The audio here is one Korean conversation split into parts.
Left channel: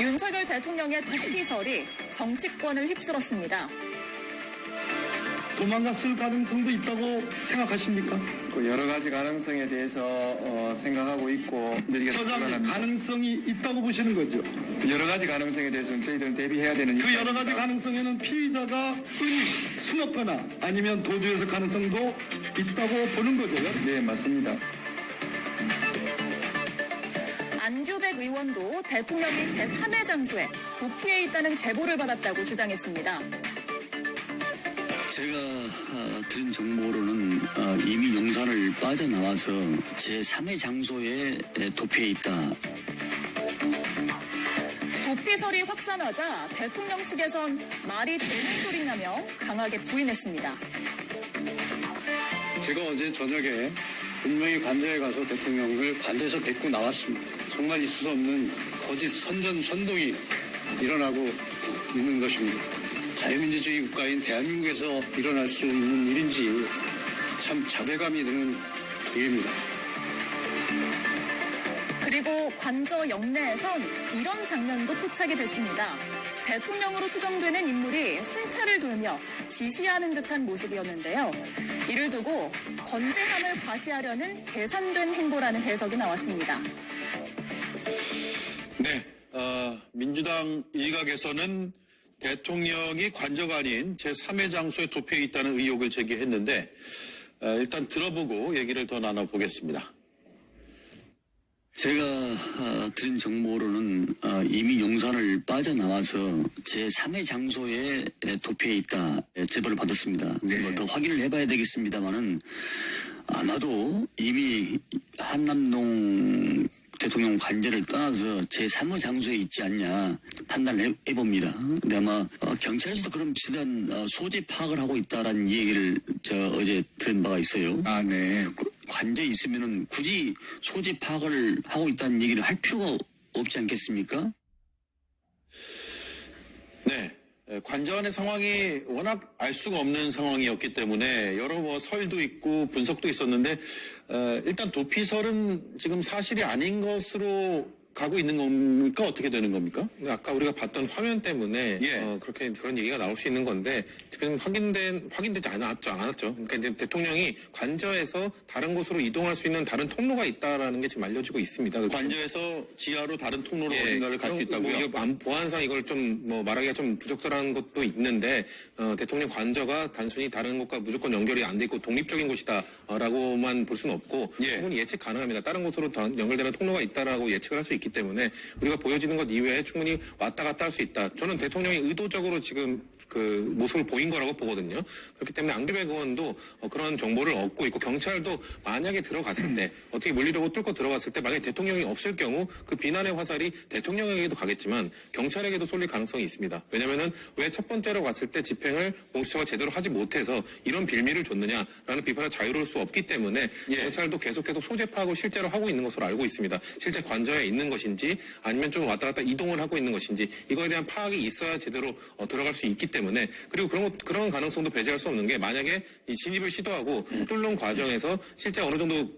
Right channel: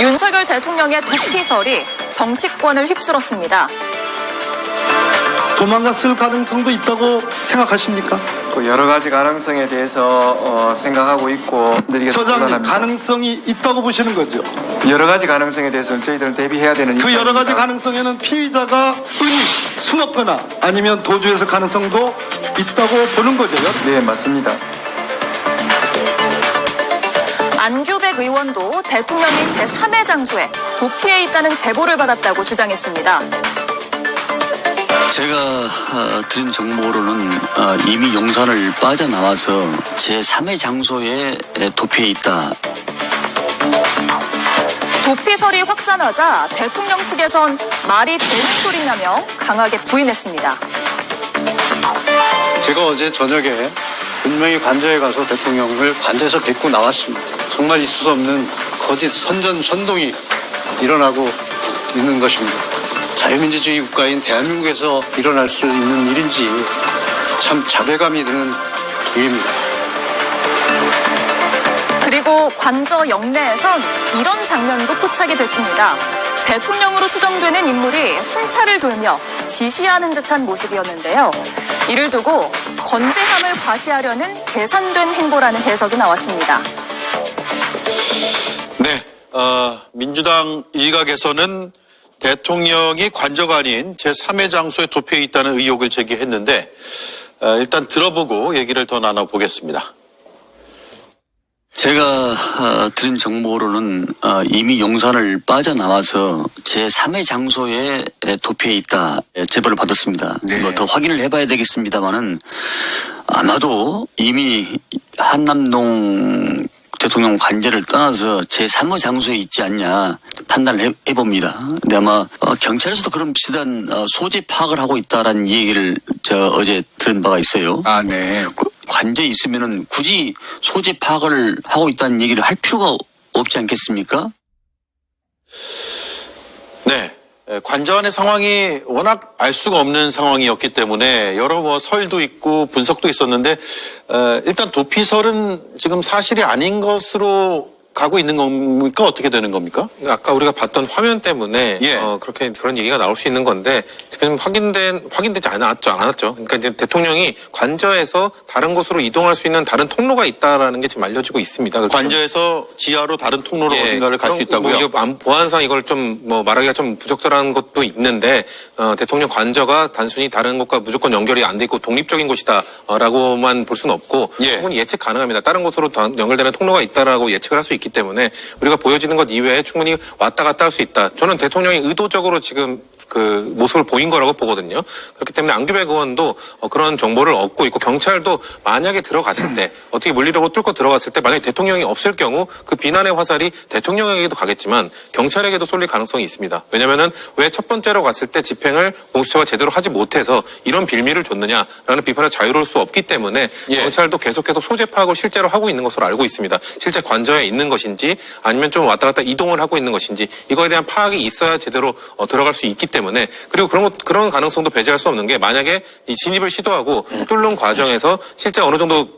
윤석열 대통령의 도피설이 정치권을 휩쓸었습니다. 도망갔을 가능성도 있다고 생각하십니까? 여러 가지 가능성에 대해서 생각하고 있고 처장님, 가능성이 있다고 보시는 거죠? 여러 가지 가능성에 대해서는 저희들은 대비해야 되는 그 여러 가지 입장입니다. 가능성에는 피의자가 흔히 숨었거나 아니면 도주했을 가능성도 있다고 보는 거죠? 네, 맞습니다. 안규백 의원도 대통령이 제3의 장소에 도피해 있다는 제보를 받았다고 주장했습니다. 제가 들은 정보로는 이미 용산을 빠져나와서 제3의 장소에 도피해 있다. 도피설이 확산하자 대통령 측에선 말이 되는 소리냐며 강하게 부인했습니다. 제가 어제 저녁에 분명히 관저에 가서 대통령을 관저에서 뵙고 나왔습니다. 정말 있을 수 없는 거짓 선전선동이 일어나고 있는 것입니다. 자유민주주의 국가인 대한민국에서 일어날 수 있는 일인지 참 자괴감이 드는 일입니다. 그리고 관저 영내에선 이런 장면도 포착이 됐습니다. 대통령으로 추정되는 인물이 순찰을 돌며 지시하는 듯한 모습이었는데요. 이를 두고 건재함을 과시하려는 계산된 행보라는 해석이 나왔습니다. 네, 민주당 일각에서는 대통령이 관저가 아닌 제3의 장소에 도피해 있다는 의혹을 제기했는데 일단 들어보고 얘기를 더 나눠보겠습니다. 제가 들은 정보로는 이미 용산을 빠져나와서 제3의 장소에 도피해 있다 제보를 받았습니다. 이거 더 확인을 해봐야 되겠습니다만은 아마도 이미 한남동 대통령 관저를 떠나서 제3의 장소에 있지 않냐 판단을 해봅니다. 근데 아마 경찰에서도 그런 비슷한 소재 파악을 하고 있다라는 얘기를 어제 들은 바가 있어요. 아, 네. 관저에 있으면은 굳이 소재 파악을 하고 있다는 얘기를 할 필요가 없지 않겠습니까? 네, 관저 안의 상황이 워낙 알 수가 없는 상황이었기 때문에 여러 설도 있고 분석도 있었는데 일단 도피설은 지금 사실이 아닌 것으로 가고 있는 겁니까? 어떻게 되는 겁니까? 아까 우리가 봤던 화면 때문에 예. 그런 얘기가 나올 수 있는 건데 지금 확인되지 않았죠. 그러니까 이제 대통령이 관저에서 다른 곳으로 이동할 수 있는 다른 통로가 있다라는 게 지금 알려지고 있습니다. 그래서 관저에서 지하로 다른 통로로 예, 어딘가를 갈 수 그런 있다고요? 이거 보안상 이걸 좀 말하기가 좀 부적절한 것도 있는데 대통령 관저가 단순히 다른 곳과 무조건 연결이 안 돼 있고 독립적인 곳이다라고만 볼 수는 없고 예. 충분히 예측 가능합니다. 다른 곳으로 연결되는 통로가 있다라고 예측을 할 수 있기 때문에 우리가 보여지는 것 이외에 충분히 왔다 갔다 할 수 있다. 저는 대통령이 의도적으로 지금 그 모습을 보인 거라고 보거든요. 그렇기 때문에 안규백 의원도 그런 정보를 얻고 있고 경찰도 만약에 들어갔을 때 어떻게 물리력으로 뚫고 들어갔을 때 만약에 대통령이 없을 경우 그 비난의 화살이 대통령에게도 가겠지만 경찰에게도 쏠릴 가능성이 있습니다. 왜냐하면은 왜 첫 번째로 갔을 때 집행을 공수처가 제대로 하지 못해서 이런 빌미를 줬느냐라는 비판을 자유로울 수 없기 때문에 예. 경찰도 계속해서 소재 파악을 실제로 하고 있는 것으로 알고 있습니다. 실제 관저에 있는 것인지 아니면 좀 왔다 갔다 이동을 하고 있는 것인지 이거에 대한 파악이 있어야 제대로 들어갈 수 있기 때문에 그리고 그런 가능성도 배제할 수 없는 게 만약에 이 진입을 시도하고 뚫는 과정에서 실제 어느 정도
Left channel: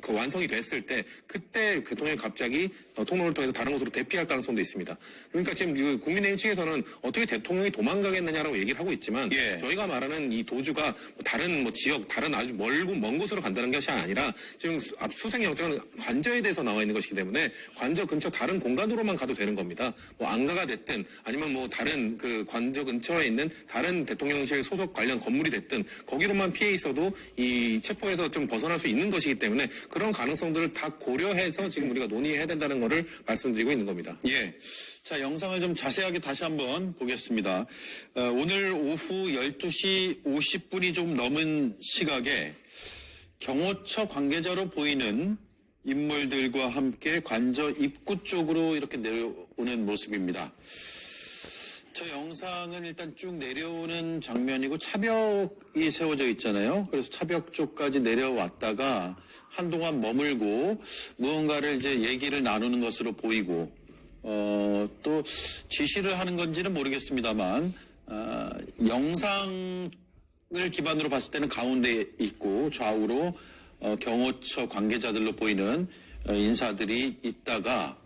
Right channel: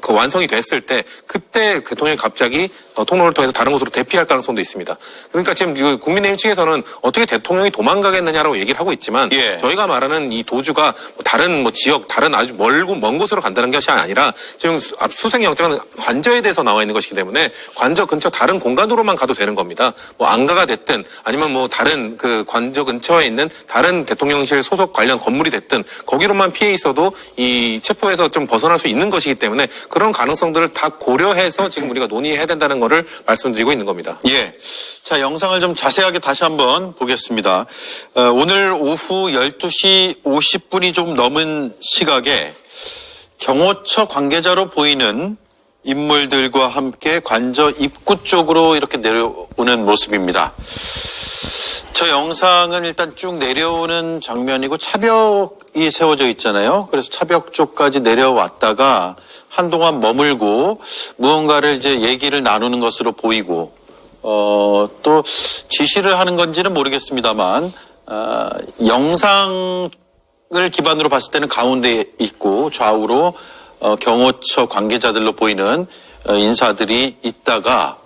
그 완성이 됐을 때 그때 대통령이 갑자기 통로를 통해서 다른 곳으로 대피할 가능성도 있습니다. 그러니까 지금 국민의힘 측에서는 어떻게 대통령이 도망가겠느냐라고 얘기를 하고 있지만 예. 저희가 말하는 이 도주가 다른 지역 다른 아주 먼 곳으로 간다는 것이 아니라 지금 수색영장은 관저에 대해서 나와 있는 것이기 때문에 관저 근처 다른 공간으로만 가도 되는 겁니다. 안가가 됐든 아니면 다른 그 관저 근처에 있는 다른 대통령실 소속 관련 건물이 됐든 거기로만 피해 있어도 이 체포에서 좀 벗어날 수 있는 것이기 때문에 그런 가능성들을 다 고려해서 지금 우리가 논의해야 된다는 거를 말씀드리고 있는 겁니다. 예. 자, 영상을 좀 자세하게 다시 한번 보겠습니다. 오늘 오후 12시 50분이 좀 넘은 시각에 경호처 관계자로 보이는 인물들과 함께 관저 입구 쪽으로 이렇게 내려오는 모습입니다. 저 영상은 일단 쭉 내려오는 장면이고 차벽이 세워져 있잖아요. 그래서 차벽 쪽까지 내려왔다가 한동안 머물고 무언가를 이제 얘기를 나누는 것으로 보이고 또 지시를 하는 건지는 모르겠습니다만 영상을 기반으로 봤을 때는 가운데 있고 좌우로 경호처 관계자들로 보이는 인사들이 있다가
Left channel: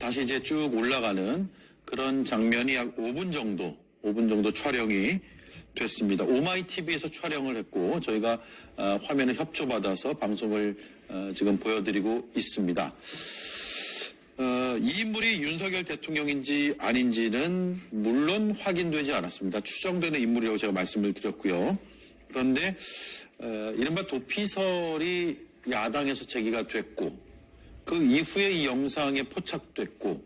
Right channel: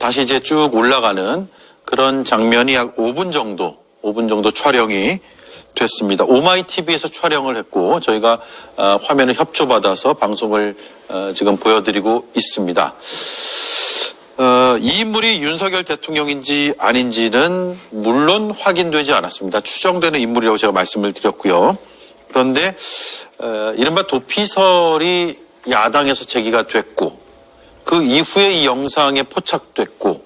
다시 이제 쭉 올라가는 그런 장면이 약 5분 정도 촬영이 됐습니다. 오마이TV에서 촬영을 했고 저희가 화면을 협조받아서 방송을 지금 보여드리고 있습니다. 이 인물이 윤석열 대통령인지 아닌지는 물론 확인되지 않았습니다. 추정되는 인물이라고 제가 말씀을 드렸고요. 그런데 이른바 도피설이 야당에서 제기가 됐고 그 이후에 이 영상에 포착됐고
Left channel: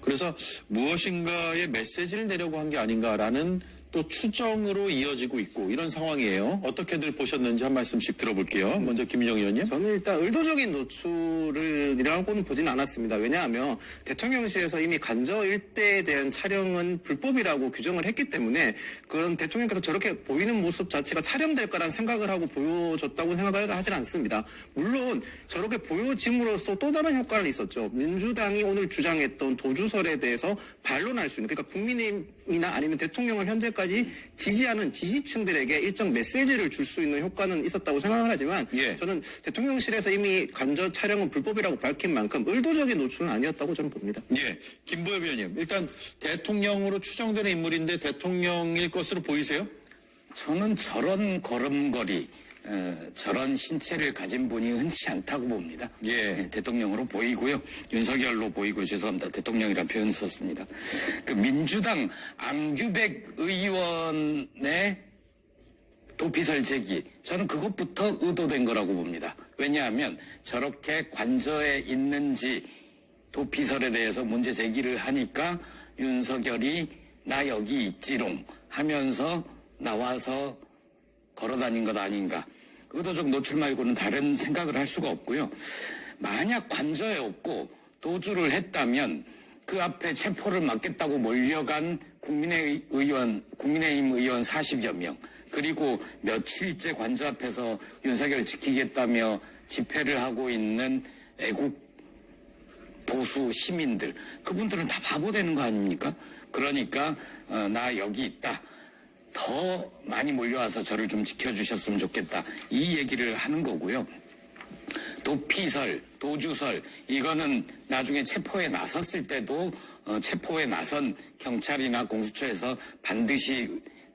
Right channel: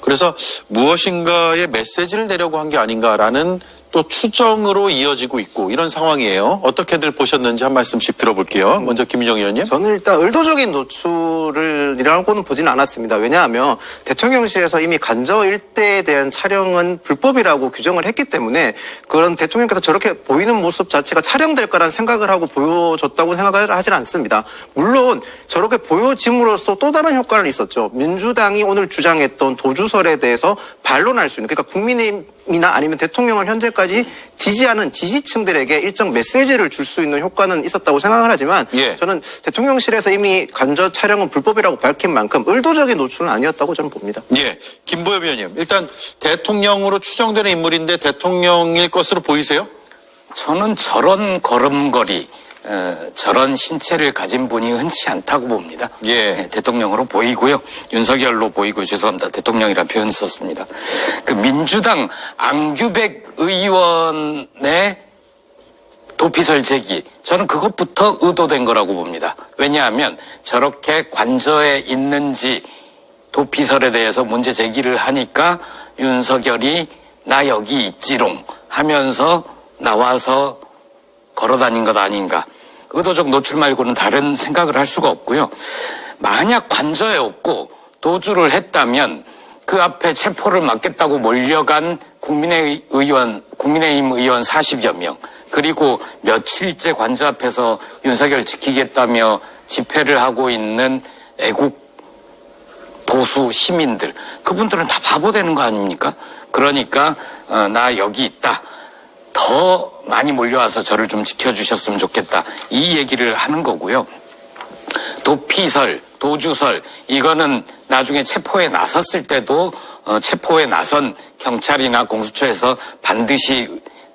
그래서 무엇인가의 메시지를 내려고 한 게 아닌가라는 또 추정으로 이어지고 있고 이런 상황이에요. 어떻게들 보셨는지 한 말씀씩 들어볼게요. 먼저 김민정 의원님. 저는 일단 의도적인 노출이라고는 보진 않았습니다. 왜냐하면 대통령실에서 이미 간저 일대에 대한 촬영은 불법이라고 규정을 했기 때문에 그런 대통령께서 저렇게 보이는 모습 자체가 촬영될 거라는 생각을 하고 보여줬다고 생각을 하진 않습니다. 물론 저렇게 보여짐으로써 또 다른 효과는 있었죠. 민주당이 오늘 주장했던 도주설에 대해서 반론할 수 있는, 그러니까 국민의힘이나 아니면 대통령을 현재까지 지지하는 지지층들에게 일정 메시지를 줄 수 있는 효과는 있었다고 생각을 하지만 예. 저는 대통령실에서 이미 간저 촬영은 불법이라고 밝힌 만큼 의도적인 노출은 아니었다고 저는 봅니다. 예, 김보엽 의원님. 일단 대통령으로 추정되는 인물인데 대통령일 것으로 보이세요? 저는 저런 걸음걸이, 저런 신체를 가진 분이 흔치 않다고 봅니다. 예. 대통령으로 보이고요. 윤석열로 보이고, 죄송합니다. 대통령이라는 표현을 썼습니다. 그 민주당 안규백 의원의 도피설 제기, 저는 그것부터 의도된 거라고 봅니다. 왜냐하면 저렇게 관저에 있는지 도피설에 대해서 문제 제기를 하니까 윤석열이 나 여기 있지롱 하면서 나와서 걸어다닌 것 아닌가. 의도적 노출 말고는 다른 생각을 할 수가 없고요. 만약 관저에 없고 도주를 했다면 그 앞에 체포를 막겠다고 몰려간 국민의힘 의원 40여 명, 그리고 며칠째 관저 앞에서 윤석열 지키겠다며 집회를 하고 있는 애국 보수 시민들, 그분들은 다 바보 되는 거 아닙니까? 그러니까 나 여기 있다. 더 많이 몰려와서 저를 좀 지켜주셨으면 좋겠다. 이 얘기를 하는 거고요. 도피설, 도주설, 이거는 나중에 체포에 나섰을 때도 체포에 나선 경찰이나 공수처에서 반드시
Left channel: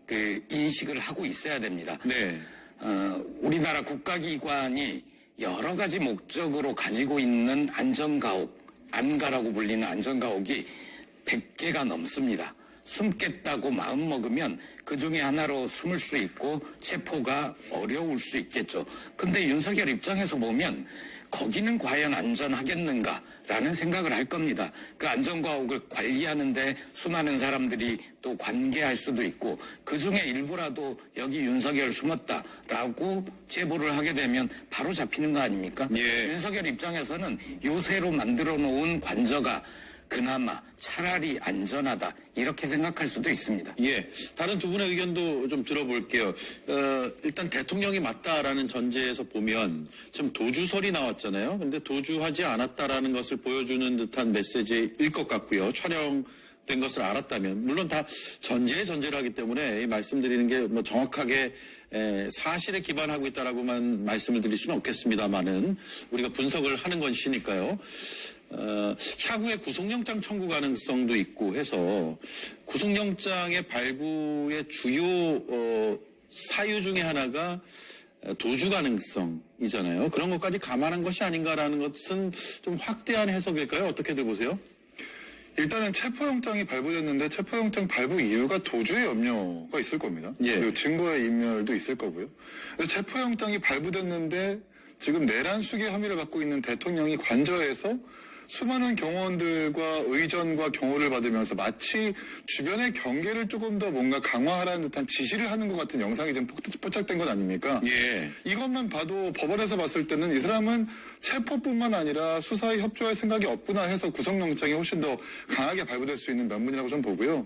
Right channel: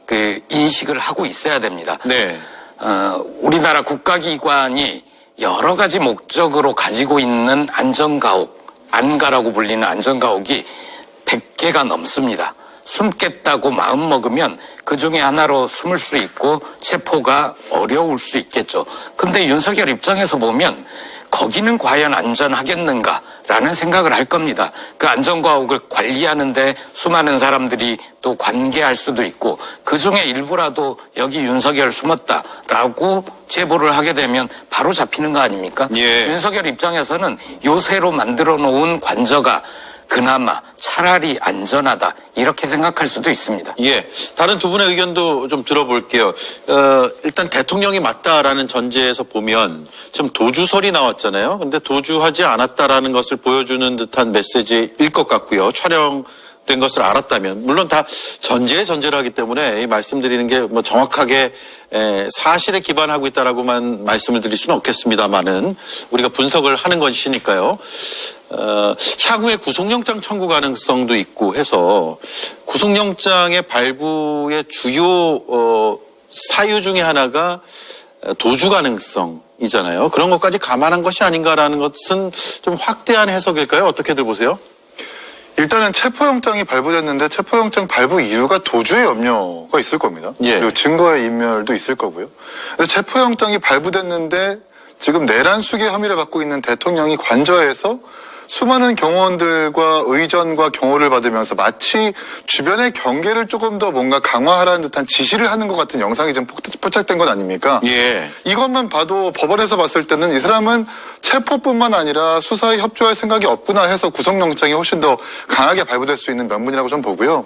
그 인식을 하고 있어야 됩니다. 네. 우리나라 국가기관이 여러 가지 목적으로 가지고 있는 안전가옥, 안가라고 불리는 안전가옥이 100개가 넘습니다. 숨겠다고 마음먹으면 그 중에 하나로 숨을 수 있고 체포가 어려울 수 있겠죠. 근데 윤석열 입장에서 보면 거기는 과연 안전하겠는가라는 생각을 할 겁니다. 그 안전가옥을 관리하는데 수많은 사람들이 또 관계할 수도 있고 그 중에 일부라도 여기 윤석열 숨었다라고 제보를 하게 되면 바로 잡히는 거 아닙니까? 예. 윤석열 입장에서는 요새로 만들어 놓은 관저가 그나마 차라리 안전하다 이렇게 생각할 수도 있습니다. 예. 다른 두 분의 의견도 좀 들어볼게요. 일단 대통령이 맞다라는 전제에서 보면 지금 도주설이 나왔잖아요. 근데 도주하지 않았다라는 것을 보여주는 듯한 메시지일 것 같고요. 촬영된 것을 알았다면. 물론 다 전제에 전제를 하기 때문에 이 말씀드리는 게 뭐 정확하게 사실에 기반하고 있다라고만 말씀을 드릴 수는 없겠습니다만은 우리가 분석을 하는 것이니까요. 향후에 구속영장 청구 가능성도 있고 해서 구속영장의 발부의 주요 사유 중에 하나가 도주 가능성이잖아요. 그런 것까지 감안한 것이 아닌가라는 것은 좀 확대한 해석일까요? 어떻게들 보세요? 일단은 체포영장이 발부됐는데 체포영장 발부 이유가 도주의 염려가 있을 겁니다. 예. 그리고 증거의 인멸도 있을 거고요. 그래서 체포영장이 발부됐는데 지금 내란 수계 혐의를 받고 있는 대통령이 관저에서 수많은 경호원들과 의전과 경호를 받으면서 마치 주변의 경계를 조금 더 뭔가 강화하라는 듯한 지시를 하는 것 같은 영상이 좀 포착된 것 아닙니까? 예. 이것만 봐도 법원에서 봤을 때는 이 사람은 체포뿐만 아니라 수사에 협조할 생각이 없구나 해서 구속영장이 훨씬 더 강하게 발부될 수 있는 면문이라고 좀 보고요.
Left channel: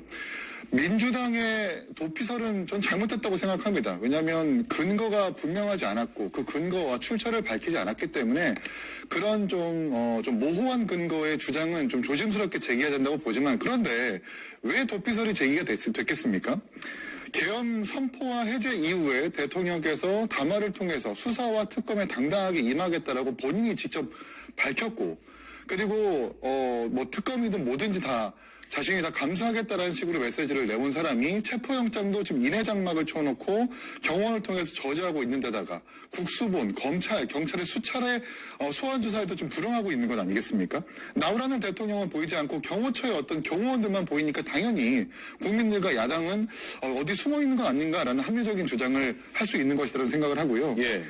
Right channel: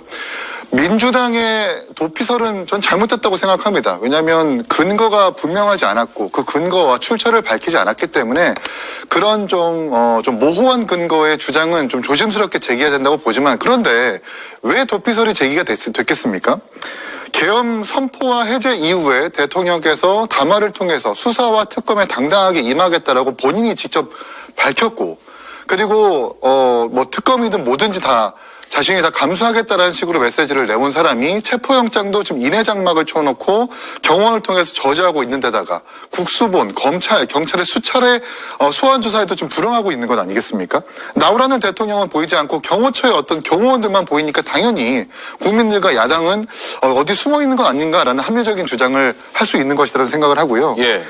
민주당의 도피설은 전 잘못됐다고 생각합니다. 왜냐하면 근거가 분명하지 않았고 그 근거와 출처를 밝히지 않았기 때문에 그런 좀 모호한 근거의 주장은 좀 조심스럽게 제기해야 된다고 보지만 그런데 왜 도피설이 제기가 됐겠습니까? 계엄 선포와 해제 이후에 대통령께서 담화를 통해서 수사와 특검에 당당하게 임하겠다라고 본인이 직접 밝혔고 그리고 뭐 특검이든 뭐든지 다 자신이 다 감수하겠다라는 식으로 메시지를 내온 사람이 체포영장도 지금 인해장막을 쳐놓고 경호원을 통해서 저지하고 있는 데다가 국수본, 검찰, 경찰의 수차례 소환조사에도 좀 불응하고 있는 건 아니겠습니까? 나오라는 대통령은 보이지 않고 경호처의 어떤 경호원들만 보이니까 당연히 국민들과 야당은 어디 숨어 있는 건 아닌가라는 합리적인 주장을 할 수 있는 것이라는 생각을 하고요. 예.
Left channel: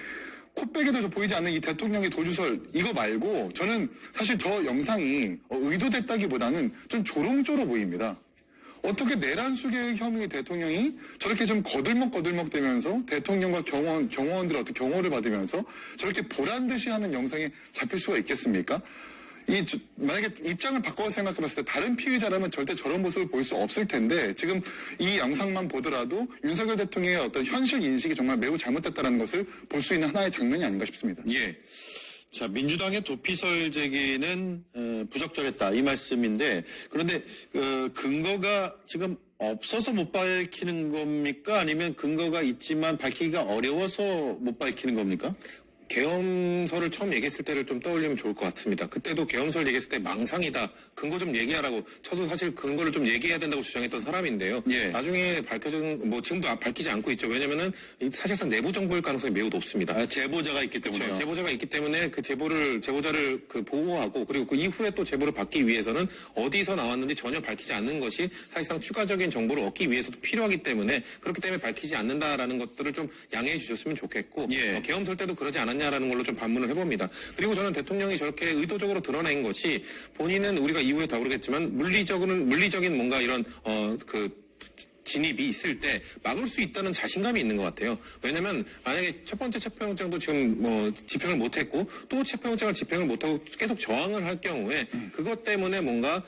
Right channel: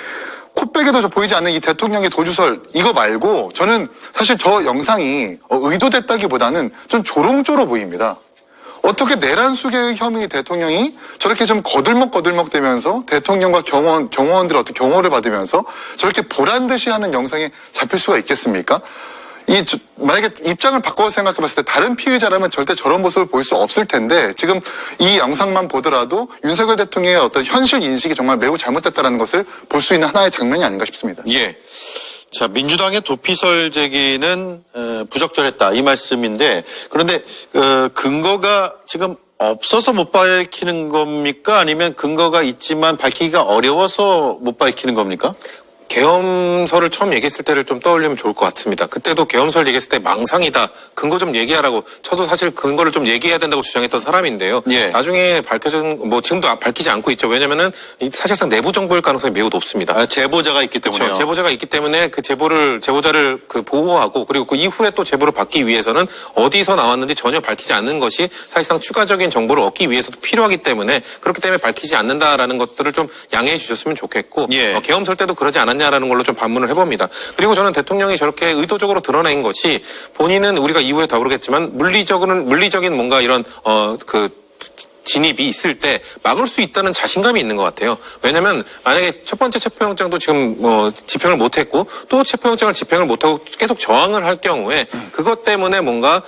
코백에도 보이지 않는 이 대통령의 도주설 이거 말고 저는 사실 저 영상이 의도됐다기보다는 좀 조롱조로 보입니다. 어떻게 내란 수개의 혐의 대통령이 저렇게 좀 거들먹거들먹대면서 대통령과 경호원들의 어떤 경호를 받으면서 저렇게 보란 듯이 하는 영상에 잡힐 수가 있겠습니까? 만약에 입장을 바꿔 생각해봤을 때 다른 피의자라면 절대 저런 모습을 보일 수 없을 텐데 지금 이 영상만 보더라도 윤석열 대통령의 어떤 현실 인식이 정말 매우 잘못됐다는 것을 볼 수 있는 하나의 장면이 아닌가 싶습니다. 예. 자, 민주당의 도피설 제기는 부적절했다 이 말씀인데 그런데 근거가 지금 없어서 못 밝히는 겁니까? 아니면 근거가 있지만 밝히기가 어려워서 못 밝히는 겁니까? 계엄설을 처음 얘기했을 때를 좀 떠올리면 좋을 것 같습니다. 그때도 계엄설 얘기했을 때 망상이다. 근거 좀 얘기하라고. 저도 사실 근거를 좀 얘기해야 된다고 주장했던 사람인데요. 예. 나중에 밝혀진 지금도 밝히지 않고 있죠. 왜냐면은 사실상 내부 정보일 가능성이 매우 높습니다. 제보자가 있기 때문에요. 그렇죠. 제보자가 있기 때문에 그 제보자를 보호하고 그리고 그 이후에 또 제보를 받기 위해서는 어디서 나왔는지 전혀 밝히지 않는 것이 사실상 추가적인 정보를 얻기 위해서도 필요하기 때문에 그렇기 때문에 밝히지 않는다라는 것들을 좀 양해해 주셨으면 좋겠고 예. 계엄설 때도 그러지 않았냐라는 걸로 좀 반문을 해봅니다. 그리고 저는 대통령이 저렇게 의도적으로 드러낸 것이 본인은 우리가 이후에 다루겠지만 물리적인 뭔가 이런 진입이 있을 때 막을 수 있다는 자신감이 있는 것 같아요. 왜냐하면 만약에 첫 번째 체포영장도 지금 집행을 못했고 또 체포영장을 집행을 못하고 계속 저항을 할 경우에 그것 때문에 뭔가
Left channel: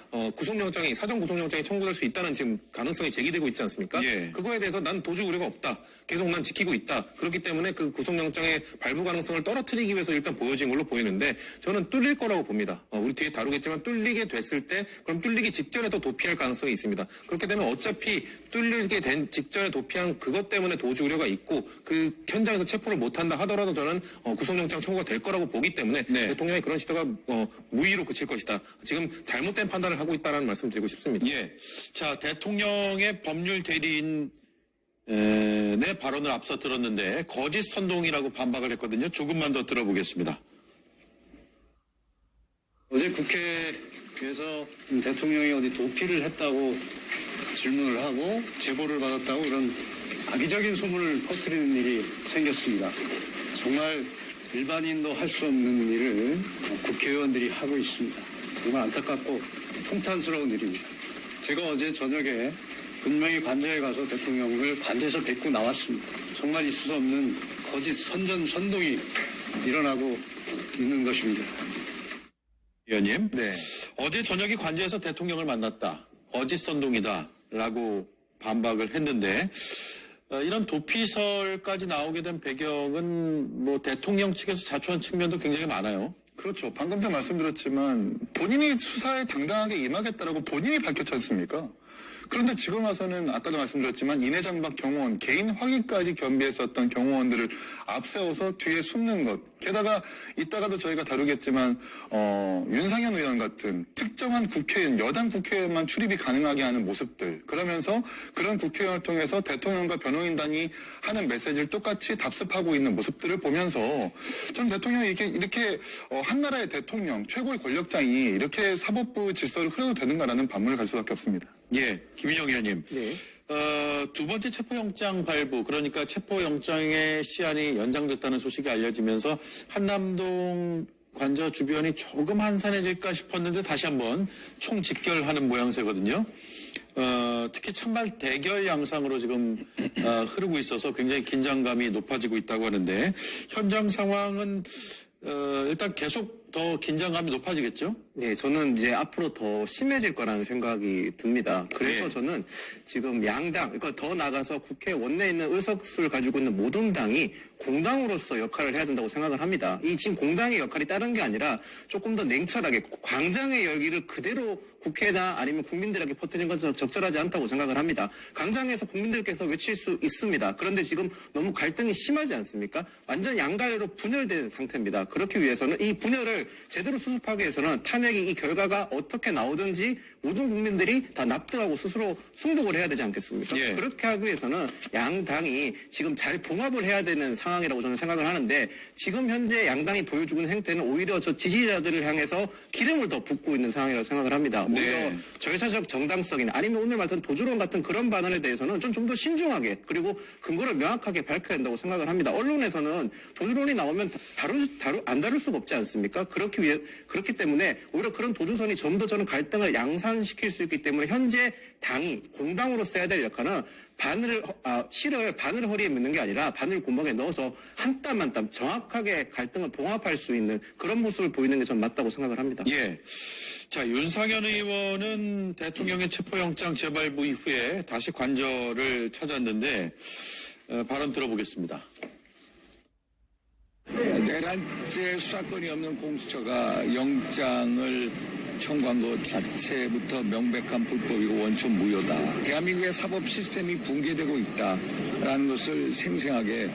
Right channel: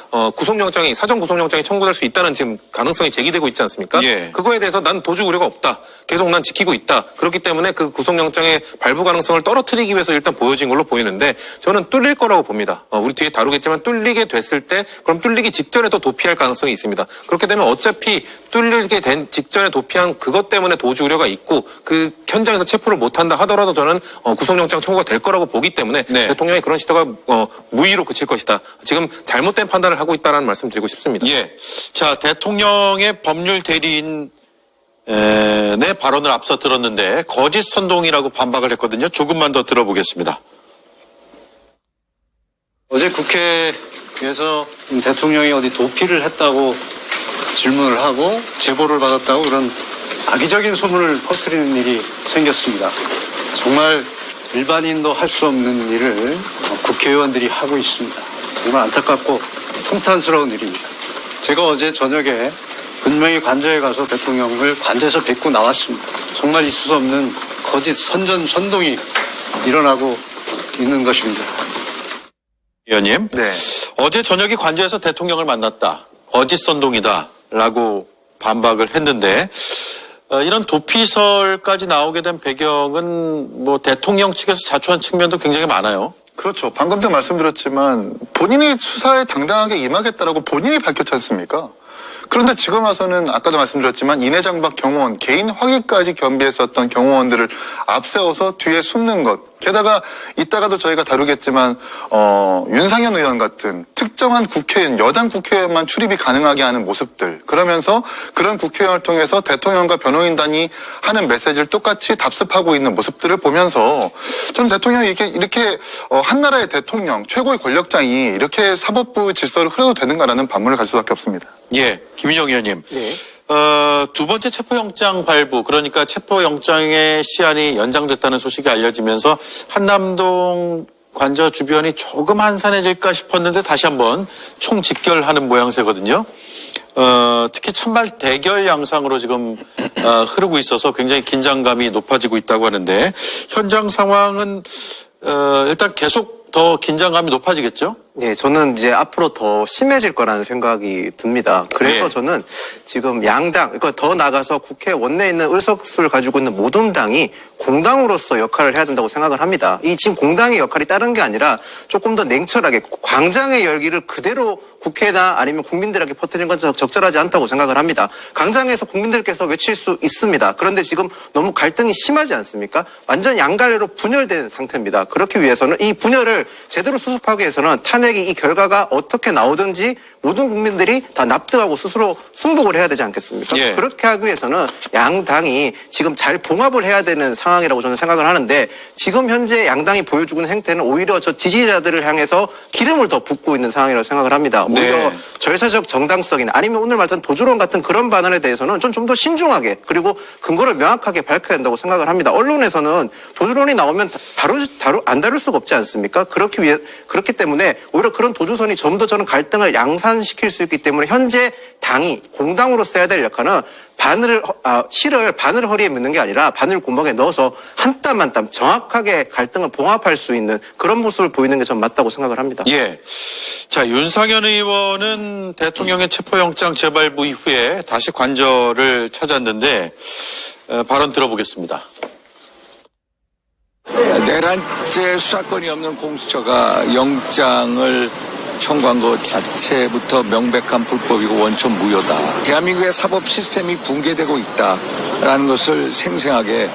사전 구속영장이 청구될 수 있다는 지금 가능성이 제기되고 있지 않습니까? 예. 그거에 대해서 난 도주 우려가 없다. 계속 난 지키고 있다. 그렇기 때문에 그 구속영장의 발부 가능성을 떨어뜨리기 위해서 일단 보여진 걸로 보이는데 저는 뚫릴 거라고 봅니다. 우리 뒤에 다루겠지만 뚫리게 됐을 때 그럼 뚫리기 직전에 또 도피할 가능성이 있습니다. 그렇게 되면 어차피 뚫리게 된 직전에 도피한 그것 때문에 도주 우려가 있고 그 현장에서 체포를 못한다 하더라도 저는 구속영장 청구가 될 거라고 보기 때문에 네. 대통령의 그런 시도가 무의로 그칠 것이다. 지금 잘못된 판단을 하고 있다는 말씀 드리고 싶습니다. 예. 자, 대통령의 법률 대리인 의 발언을 앞서 들었는데 거짓 선동이라고 반박을 했거든요. 조금만 더 들어보겠습니다. 어제 국회에서 대통령이 어디 도피를 했다고 질문을 하고 제보를 받았다고 그런 악의적인 소문을 퍼뜨리는 일이 생겼습니다. 정말 일반인도 할 수 없는 일을 국회의원들이 하고 있습니다. 정말 안타깝고 통탄스러운 일입니다. 제가 어제 저녁에 분명히 관저에 가서 대통령을 관저에서 뵙고 나왔습니다. 정말 있을 수 없는 거짓 선동이 일어나고 있는 것입니다. 의원님. 네. 어제 저녁에 관저에서 대통령을 만났다. 거짓 선동이다라고 반박을 했는데 이런 도피설까지 나오게 된 배경은 뭐 대통령 측에서 자초한 측면도 굉장히 많아요. 그렇죠. 방금도 말씀드렸지만 본인이 수사에 당당하게 임하겠다라고 본인이 밝혔지 않습니까? 그런데 지금 와서는 아까도 말씀드렸지만 인해장박 경호원, 개인 확인까지 겸비했었던 경호원들을 앞세워서 뒤에 숨는 것. 게다가 이따가도 저희가 다루겠지만 윤상현 의원 같은 특정한 국회의원, 여당 국회의원만 출입이 가능하게 하는 모습들. 그러면서 그런 국회의원을 통해서 대통령과 변호인단이 하는 메시지를 똑같이 답습하고 있는 모습들을 보면서 저는 대통령이 이렇게 한 나라의 대통령, 최고의 권력장이 이렇게 사법부 질서를 흐려도 되는가라는 반문을 가질 수밖에 없습니다. 예, 김인영 의원님. 네. 두 번째 체포영장 발부, 그러니까 체포영장의 시한이 연장됐다는 소식이 알려지면서 한남동 관저 주변이 조금 한산해질까 싶었는데 다시 한번 총집결하는 모양새거든요. 특히 찬발 대결 양상으로 지금 흐르고 있어서 굉장히 긴장감이 높아지고 있다고 하는데 현장 상황은 일단 계속 더 긴장감이 높아지겠죠? 네, 저는 이제 앞으로 더 심해질 거라는 생각이 듭니다. 그래서 네. 저는 지금 양당, 그러니까 더 나가서 국회 원내에 있는 의석수를 가지고 있는 모든 당이 공당으로서 역할을 해야 된다고 생각을 합니다. 이 지금 공당의 역할이 다른 게 아니라 조금 더 냉철하게 광장의 열기를 그대로 국회나 아니면 국민들에게 퍼뜨리는 건 적절하지 않다고 생각을 합니다. 광장에서 국민들께서 외칠 수 있습니다. 그런데 지금 너무 갈등이 심하지 않습니까? 완전 양갈래로 분열된 상태입니다. 그렇기 위해서는 이 분열을 제대로 수습하기 위해서는 탄핵이 이 결과가 어떻게 나오든지 모든 국민들이 다 납득하고 스스로 승복을 해야 되지 않겠습니까? 예. 그렇게 하기 위해서는 양당이 지금 잘 봉합을 해야 되는 상황이라고 저는 생각을 하는데 지금 현재 양당이 보여주고 있는 행태는 오히려 저 지지자들을 향해서 기름을 더 붓고 있는 상황이라고 생각을 합니다. 오히려 네. 절차적 정당성이나 아니면 오늘 말했던 도주론 같은 그런 반응에 대해서는 좀 더 신중하게 그리고 근거를 명확하게 밝혀야 된다고 생각을 합니다. 언론에서는 도주론이 나오면 안 다룰 수가 없지 않습니까? 그렇기 때문에 오히려 그런 도주선이 좀 더 저는 갈등을 양산시킬 수 있기 때문에 현재 당이 공당으로 써야 될 역할은 실을 바늘 허리에 묶는 게 아니라 바늘 구멍에 넣어서 한 땀 한 땀 정확하게 갈등을 봉합할 수 있는 그런 모습을 보이는 게 전 맞다고 생각을 합니다. 예. 자, 윤상현 의원은 대통령의 체포영장 재발부 이후에 다시 관저를 찾았는데 발언 들어보겠습니다. 내란죄 수사권이 없는 공수처가 영장을 청구한 것 자체부터 명백한 불법이고 원천 무효다. 대한민국의 사법 시스템이 붕괴되고 있다라는 것을 생생하게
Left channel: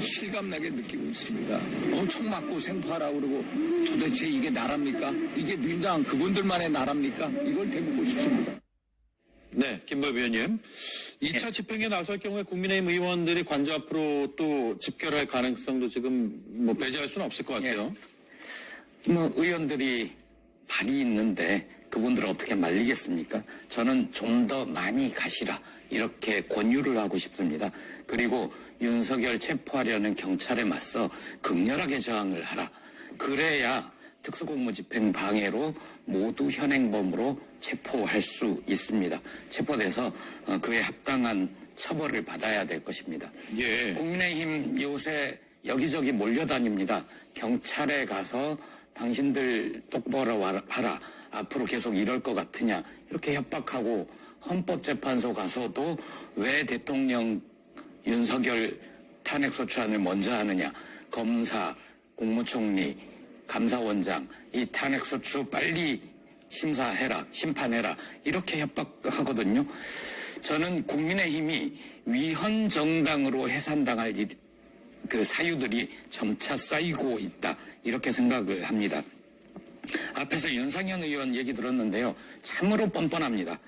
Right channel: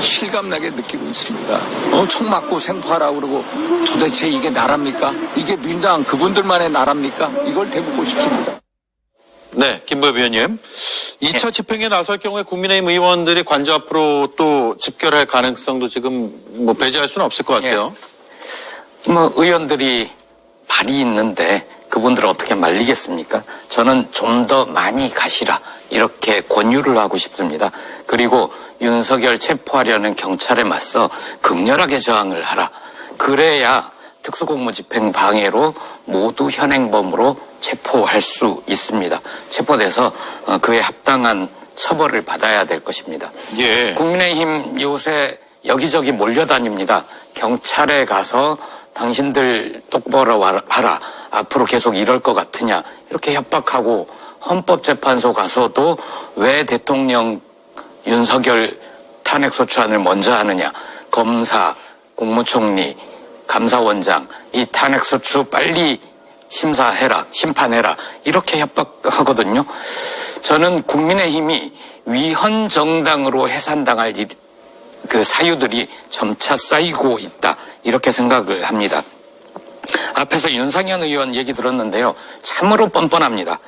실감나게 느끼고 있습니다. 총 맞고 생포하라고 그러고 도대체 이게 나랍니까? 이게 민주당 그분들만의 나랍니까? 이걸 대묻고 싶습니다. 네, 김보엽 의원님. 2차 집행에 나설 경우에 국민의힘 의원들이 관저 앞으로 또 집결할 가능성도 지금 뭐 배제할 수는 없을 것 같아요. 의원들이 발이 있는데 그분들을 어떻게 말리겠습니까? 저는 좀 더 많이 가시라 이렇게 권유를 하고 싶습니다. 그리고 윤석열 체포하려는 경찰에 맞서 극렬하게 저항을 하라. 그래야 특수공무집행 방해로 모두 현행범으로 체포할 수 있습니다. 체포돼서 그에 합당한 처벌을 받아야 될 것입니다. 예. 국민의힘 요새 여기저기 몰려다닙니다. 경찰에 가서 당신들 똑바로 하라. 앞으로 계속 이럴 것 같으냐. 이렇게 협박하고 헌법재판소 가서도 왜 대통령 윤석열 탄핵소추안을 먼저 하느냐. 검사, 국무총리, 감사원장 이 탄핵소추 빨리 심사해라. 심판해라. 이렇게 협박하거든요. 저는 국민의힘이 위헌정당으로 해산당할 그 사유들이 점차 쌓이고 있다. 이렇게 생각을 합니다. 앞에서 윤상현 의원 얘기 들었는데요. 참으로 뻔뻔합니다.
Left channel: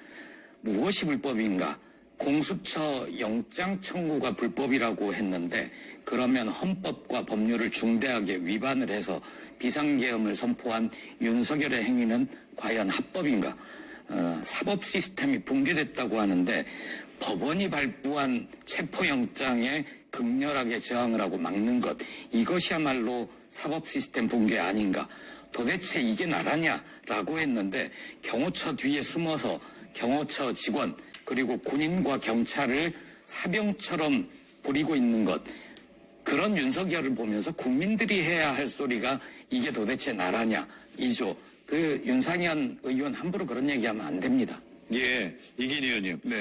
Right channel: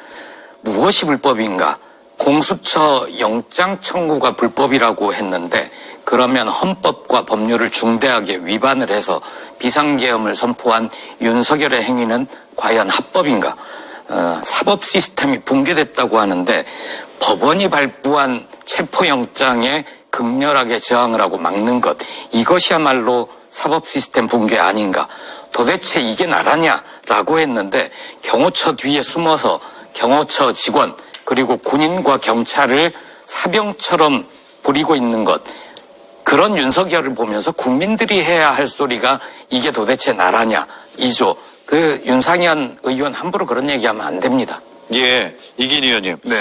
무엇이 불법인가? 공수처 영장 청구가 불법이라고 했는데 그러면 헌법과 법률을 중대하게 위반을 해서 비상계엄을 선포한 윤석열의 행위는 과연 합법인가? 사법 시스템이 붕괴됐다고 하는데 법원이 발부한 체포영장에 극렬하게 저항을 하고 막는 것 이것이야말로 사법 시스템 붕괴 아닌가. 도대체 이게 나라냐라고 했는데 경호처 뒤에 숨어서 경호처 직원 그리고 군인과 경찰을 사병처럼 부리고 있는 것 그런 윤석열을 보면서 국민들이 해야 할 소리가 이게 도대체 나라냐 이죠. 그 윤상현 의원 함부로 그런 얘기하면 안 됩니다. 예, 이긴 의원님. 네.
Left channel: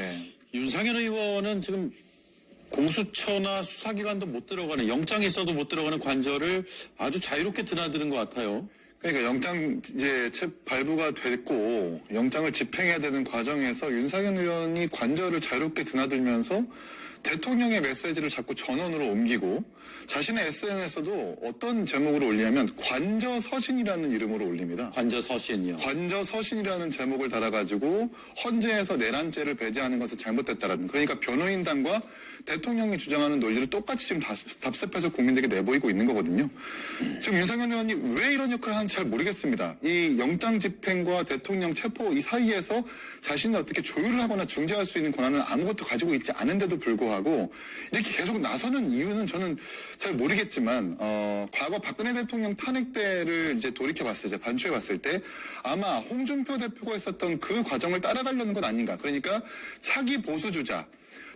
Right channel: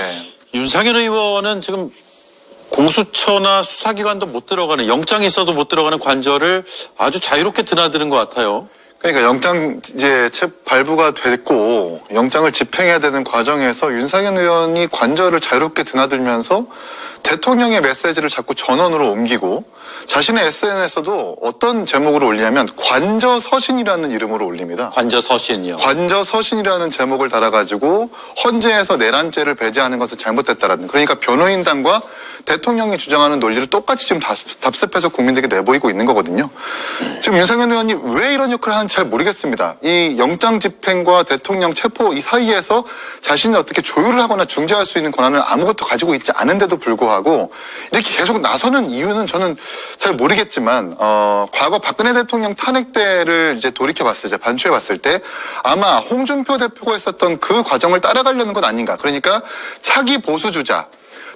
윤상현 의원은 지금 공수처나 수사기관도 못 들어가는 영장이 있어도 못 들어가는 관저를 아주 자유롭게 드나드는 것 같아요. 그러니까 영장 이제 발부가 됐고 영장을 집행해야 되는 과정에서 윤상현 의원이 관저를 자유롭게 드나들면서 대통령의 메시지를 자꾸 전원으로 옮기고 자신의 SNS에서도 어떤 제목으로 올리냐면 관저서신이라는 이름으로 올립니다. 관저서신이요. 관저서신이라는 제목을 달아가지고 헌재에서 내란죄를 배제하는 것은 잘못됐다라는 그러니까 변호인단과 대통령이 주장하는 논리를 똑같이 지금 답습해서 국민들에게 내보이고 있는 거거든요. 지금 윤상현 의원이 왜 이런 역할을 하는지 잘 모르겠습니다. 이 영장 집행과 대통령 체포 이 사이에서 자신이 어떻게 조율을 하거나 중재할 수 있는 권한을 아무것도 가지고 있지 않은데도 불구하고 이렇게 계속 나서는 이유는 저는 잘 모르겠지만 과거 박근혜 대통령 탄핵 때를 이제 돌이켜봤을 때 반추해봤을 때 아마 홍준표 대표가 했었던 그 과정을 따라가려는 것 아닌가. 그러니까 차기 보수주자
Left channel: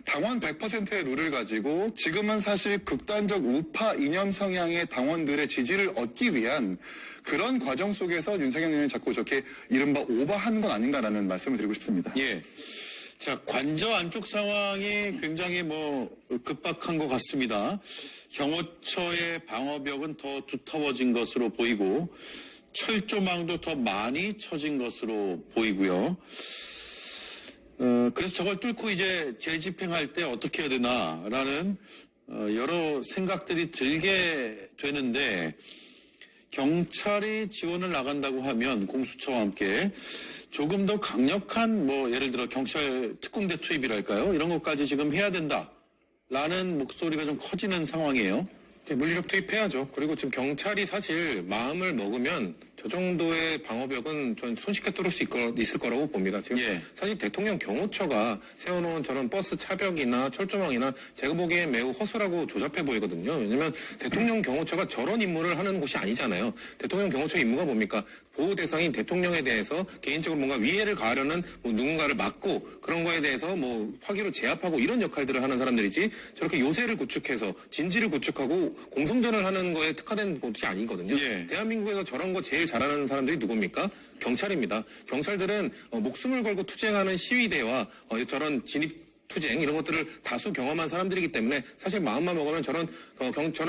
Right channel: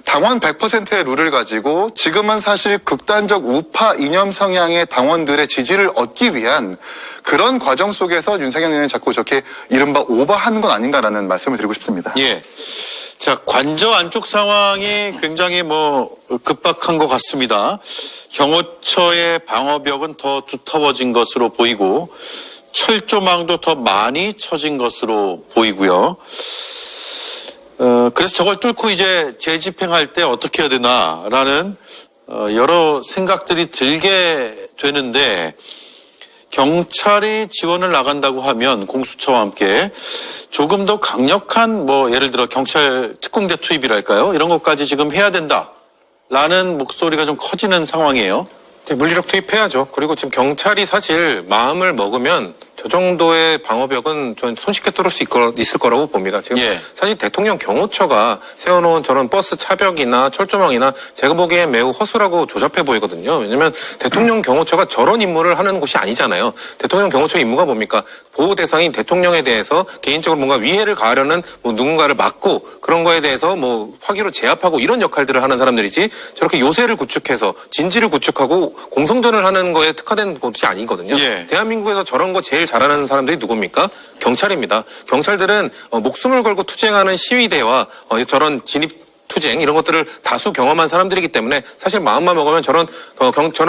당원 100%의 룰을 가지고 지금은 사실 극단적 우파 이념 성향의 당원들의 지지를 얻기 위한 그런 과정 속에서 윤상현 의원이 자꾸 저렇게 이른바 오버하는 건 아닌가라는 말씀을 드리고 싶습니다. 예. 자, 관저 안쪽 상황이 굉장히 급박한 것 같습니다. 경호처의 방어벽은 더 두터워진 것으로 보이고 철조망도 더 많이 쳐진 것으로 보이고요. 그래서 저걸 뚫고 이제 재집행할 때 어떻게 해야 되나라는 여러 생각들이 들게 되는데, 경찰이 지원을 나간다고 하면 공수처와 함께 조금 더 강력한 예를 들어 경찰 특공대 투입이랄까요? 이런 것까지 지금 해야 된다라는 목소리가 좀 커지는 상황이에요. 네, 물리력 투입해야죠. 그리고 지금 경찰이 사실 마음을 먹으면 저 정도의 방어벽은 전 손쉽게 뚫을 수 있을 거라고 봅니다. 지금 예. 사실 대통령 경호처가 세워놓은 저런 버스 차벽이나 철조망이나 제가 보기엔 매우 허술하고 조잡해 보이거든요. 왜냐면 대통령 경호처가 저런 임무를 하는 곳이 아니잖아요. 대통령 경호처 임무가 뭡니까? 보호 대상인 대통령에 대해서 개인적으로 뭔가 위해를 가하려는 누군가를 막고 그런 거에 대해서 화기로 제압하고 이런 역할들을 하는 사람들이지, 저렇게 요새를 구축해서 진지를 구축하고 공성전을 하는 거에 특화된 곳이 아니거든요. 예. 대한민국에서 저런 거 제일 잘하는 사람들이 누굽니까? 경찰입니다. 경찰들은 목숨을 걸고 투쟁하는 시위대와 저런 진입 투쟁 이런 것들을 다수 경험한 사람들이기 때문에 사실 마음만 먹으면 저런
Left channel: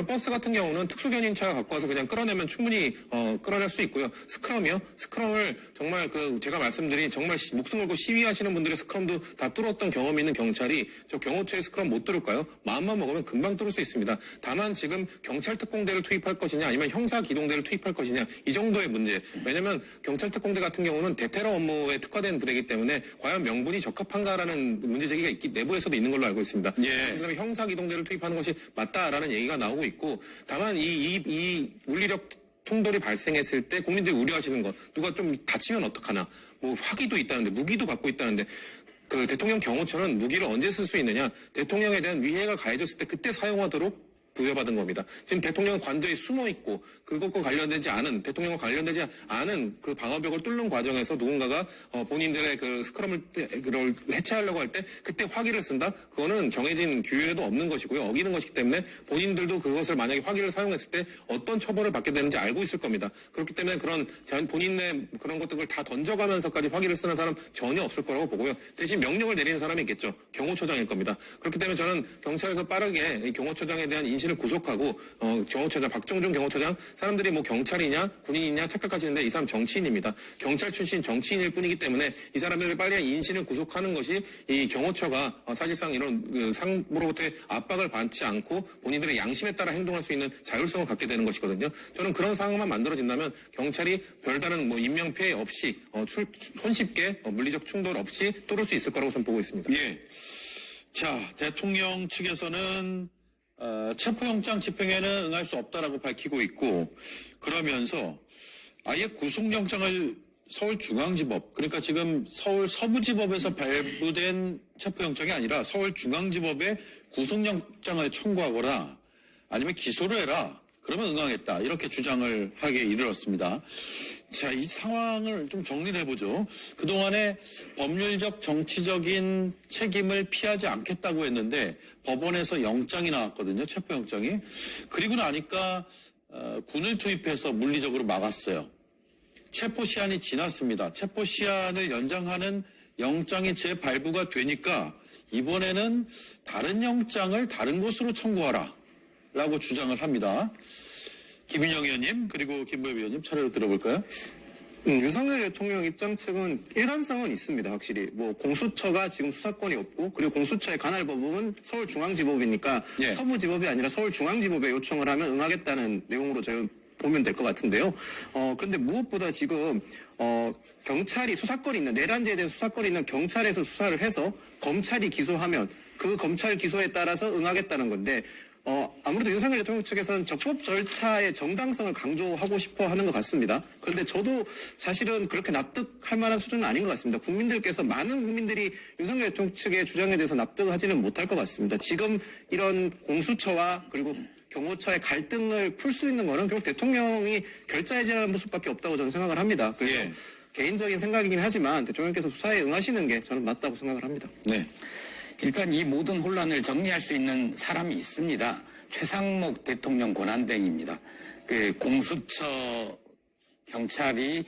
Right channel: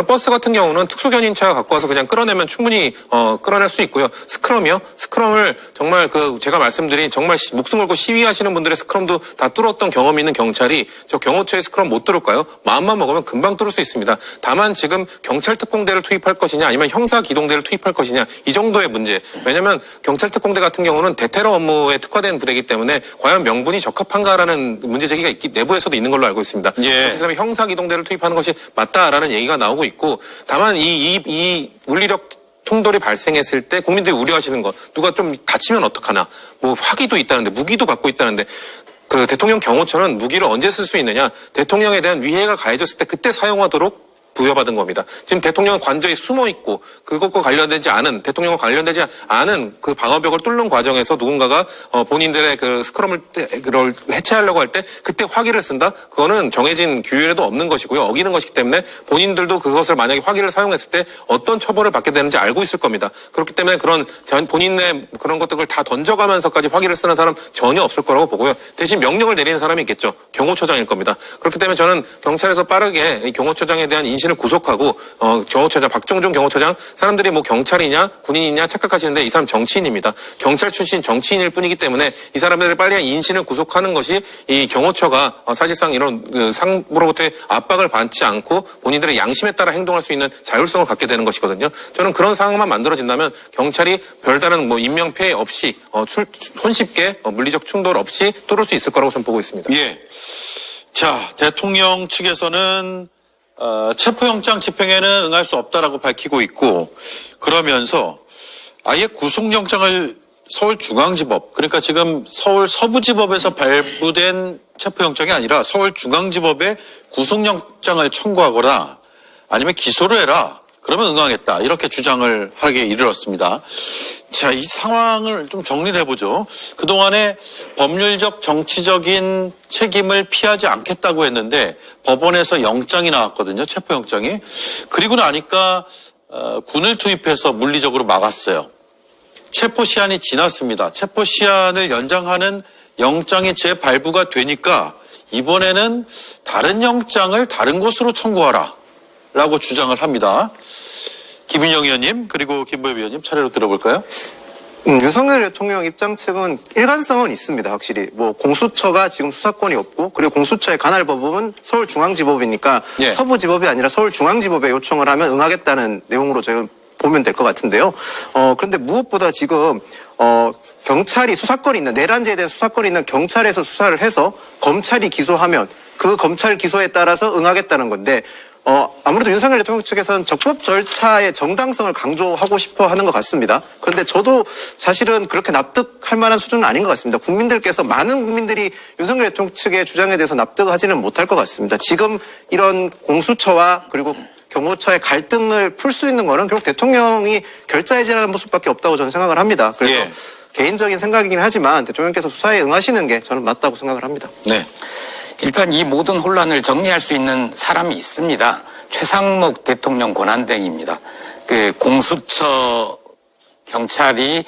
버스 같은 경우는 특수견인차 갖고 와서 그냥 끌어내면 충분히 끌어낼 수 있고요. 스크럼을 정말 제가 말씀드린 정말 목숨 걸고 시위하시는 분들의 스크럼도 다 뚫었던 경험이 있는 경찰이 저 경호처의 스크럼 못 뚫을까요? 마음만 먹으면 금방 뚫을 수 있습니다. 다만 지금 경찰 특공대를 투입할 것이냐 아니면 형사 기동대를 투입할 것이냐 이 정도의 문제. 왜냐하면 경찰 특공대 같은 경우는 대테러 업무에 특화된 부대이기 때문에 과연 명분이 적합한가라는 문제 제기가 내부에서도 있는 걸로 알고 있습니다. 예. 그래서 형사 기동대를 투입하는 것이 맞다라는 얘기가 나오고 있고, 다만 이 물리력 충돌이 발생했을 때 국민들이 우려하시는 것, 누가 좀 다치면 어떡하나, 화기도 있다는데 무기도 갖고 있다는데, 대통령 경호처는 무기를 언제 쓸 수 있느냐, 대통령에 대한 위해가 가해졌을 때 그때 사용하도록 부여받은 겁니다. 지금 대통령은 관저에 숨어 있고 그것과 관련되지 않은, 대통령과 관련되지 않은 그 방어벽을 뚫는 과정에서 누군가가 본인들의 스크럼을 해체하려고 할 때 그때 화기를 쓴다? 그거는 정해진 규율에도 없는 것이고요. 어기는 것이기 때문에 본인들도 그것을 만약에 화기를 사용했을 때 어떤 처벌을 받게 되는지 알고 있을 겁니다. 그렇기 때문에 그런 본인의 그런 것들을 다 던져가면서까지 화기를 쓰는 사람 전혀 없을 거라고 보고요. 대신 명령을 내리는 사람이 있겠죠. 경호처장일 겁니다. 그렇기 때문에 저는 경찰에서 빠르게 이 경호처장에 대한 인신을 구속하고 경호처장 박정준 경호처장, 사람들이 경찰이냐 군인이냐 착각하시는데 이 사람 정치인입니다. 경찰 출신 정치인일 뿐이기 때문에 이 사람들을 빨리 인신을 구속하는 것이 이 경호처가 사실상 이런 상부로부터의 압박을 받지 않고 본인들의 양심에 따라 행동할 수 있는 자율성을 갖게 되는 것이거든요. 저는 그런 상황만 만들어진다면 경찰이 별다른 인명피해 없이 손쉽게 물리적 충돌 없이 뚫을 수 있을 거라고 저는 보고 있습니다. 예. 자, 대통령 측에서는 체포영장 집행에는 응할 수 없다라고 밝히고 있고, 그러면서 아예 구속영장을 서울중앙지법, 그러니까 지금 서울 서부지법에서 발부된 체포영장이 아니라 서울중앙지법에 구속영장을 청구하거나 아니면 기소를 해라, 그러면 응하겠다, 이렇게 주장을 하게 이르렀습니다. 자, 이 상황을 좀 정리를 해보죠. 그동안에 법률적 정치적인 책임을 피하지 않겠다고 했는데 법원에서 영장이 나왔거든요. 체포영장이. 그리고 나니까 군을 투입해서 물리적으로 막았어요. 체포시한이 지났습니다. 체포시한을 연장하는 영장이 재발부가 되니까 이번에는 다른 영장을 다른 곳으로 청구하라 라고 주장을 합니다. 김윤영 의원님 그리고 김보엽 의원님 차례로 들어볼까요? 윤석열 대통령 입장 측은 일관성은 있습니다. 확실히 공수처가 지금 수사권이 없고, 그리고 공수처의 관할 법은 서울중앙지법이니까 예. 서부지법이 아니라 서울중앙지법에 요청을 하면 응하겠다는 내용으로 저희는 보면 될 것 같은데요. 그런데 무엇보다 지금 경찰이 수사권이 있는, 내란죄에 대한 수사권이 있는 경찰에서 수사를 해서 검찰이 기소하면 그 검찰 기소에 따라서 응하겠다는 건데, 아무래도 윤석열 대통령 측에서는 적법 절차의 정당성을 강조하고 싶어 하는 것 같습니다. 그런데 저도 사실은 그렇게 납득할 만한 수준은 아닌 것 같습니다. 많은 국민들이 윤석열 대통령 측의 주장에 대해서 납득하지는 못할 것 같습니다. 지금 이런 공수처와 그리고 경호처의 갈등을 풀 수 있는 거는 결국 대통령이 결자해지는 모습밖에 없다고 저는 생각을 합니다. 그래서 예. 개인적인 생각이긴 하지만 대통령께서 수사에 응하시는 게 저는 맞다고 생각을 합니다. 네. 일단 이 모든 혼란을 정리할 수 있는 사람이 있습니다. 최상목 대통령 권한대행입니다. 공수처 경찰이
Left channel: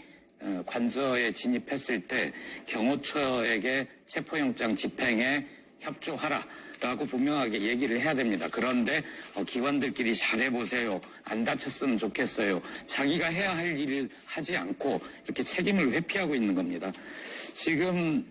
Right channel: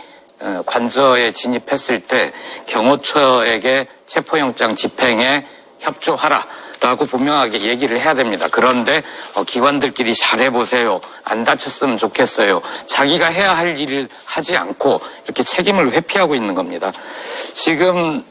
관저에 진입했을 때 경호처에게 체포영장 집행에 협조하라. 라고 분명하게 얘기를 해야 됩니다. 그런데 기관들끼리 잘해보세요. 안 다쳤으면 좋겠어요. 자기가 해야 할 일을 하지 않고 이렇게 책임을 회피하고 있는 겁니다. 지금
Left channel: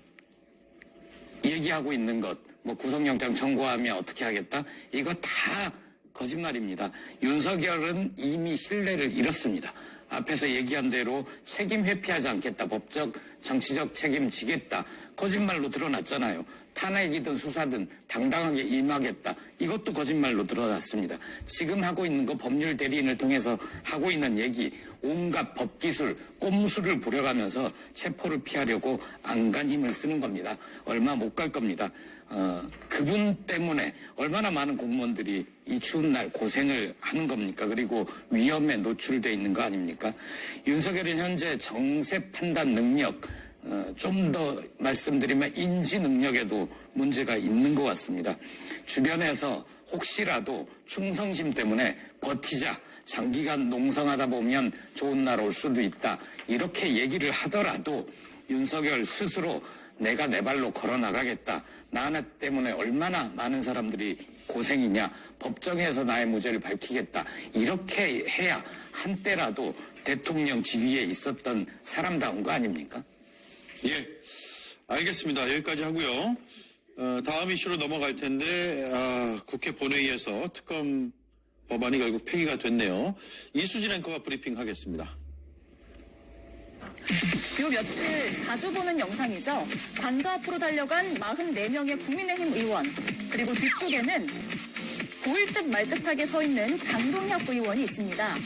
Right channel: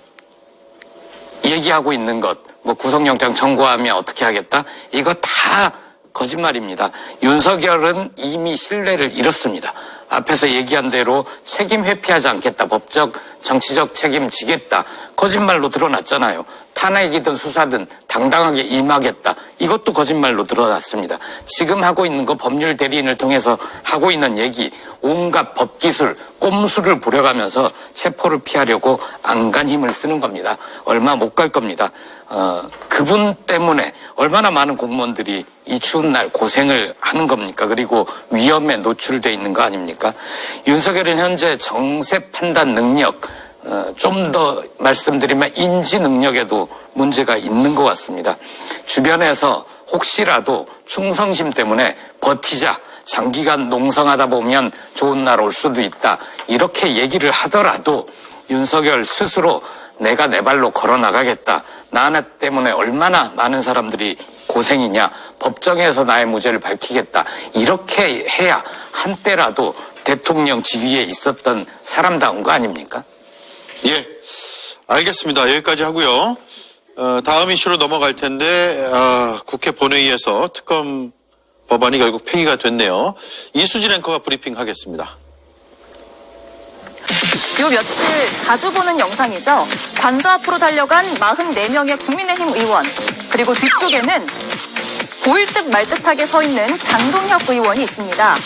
얘기하고 있는 것, 뭐 구속영장 청구하면 어떻게 하겠다? 이거 다 거짓말입니다. 윤석열은 이미 신뢰를 잃었습니다. 앞에서 얘기한 대로 책임 회피하지 않겠다. 법적, 정치적 책임 지겠다. 거짓말로 드러났잖아요. 탄핵이든 수사든 당당하게 임하겠다. 이것도 거짓말로 드러났습니다. 지금 하고 있는 거 법률 대리인을 통해서 하고 있는 얘기, 온갖 법기술, 꼼수를 부려가면서 체포를 피하려고 안간 힘을 쓰는 겁니다. 얼마 못 갈 겁니다. 그분 때문에 얼마나 많은 공무원들이 이 추운 날 고생을 하는 겁니까? 그리고 위험에 노출돼 있는 거 아닙니까? 윤석열은 현재 정세 판단 능력, 좀 더 말씀드리면 인지 능력에도 문제가 있는 것 같습니다. 주변에서 혹시라도 충성심 때문에 버티자, 장기간 농성하다 보면 좋은 날 올 수도 있다, 이렇게 얘기를 하더라도 윤석열 스스로 내가 내 발로 걸어 나가겠다, 나 하나 때문에 얼마나 많은 사람들이 고생이냐, 법정에서 나의 무죄를 밝히겠다, 이렇게 해야 한때라도 대통령 직위에 있었던 사람다운 거 아닙니까? 예, 알겠습니다. 여기까지 하고요. 다음 이슈로 넘어갈 텐데 국회 본회의에서 특검 법안이 결국 폐기가 됐네요. 이수진 앵커가 브리핑하겠습니다. 요 며칠 자주 보는 영상이죠. 관저 앞으로 달려간 44명의 국민의힘 의원, 그리고 뒤쪽에는 보일 듯 말 듯하게 서 있는 장동혁 의원이 있습니다.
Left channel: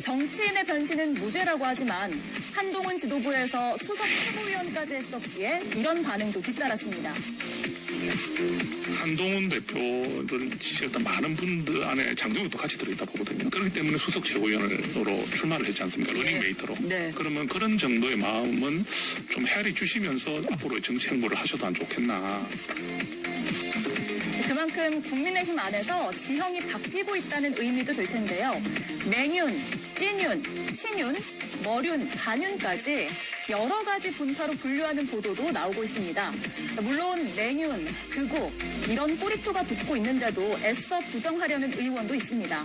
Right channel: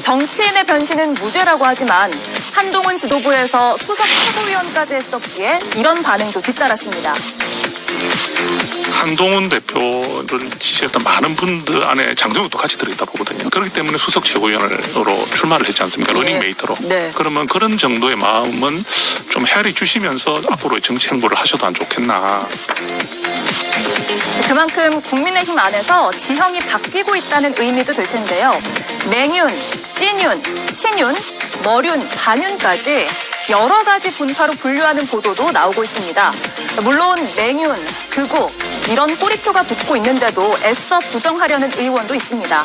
정치인의 변신은 무죄라고 하지만 한동훈 지도부에서 수석 최고위원까지 했었기에 이런 반응도 뒤따랐습니다. 한동훈 대표를 지지했던 많은 분들 안에 장동혁도 같이 들어있다 보거든요. 그렇기 때문에 수석 최고위원으로 출마를 했지 않습니까? 러닝메이트로. 네. 그러면 그런 정도의 마음은 좀 헤아리 주시면서 앞으로의 정치 행보를 하셔도 안 좋겠나. 그만큼 국민의힘 안에서 지형이 바뀌고 있다는 의미도 될 텐데요. 맹윤, 찐윤, 친윤, 머륜, 반윤까지 여러 가지 분파로 분류하는 보도도 나오고 있습니다. 물론 맹윤, 극우 이런 꼬리표가 붙고 있는데도 애써 부정하려는 의원도 있습니다.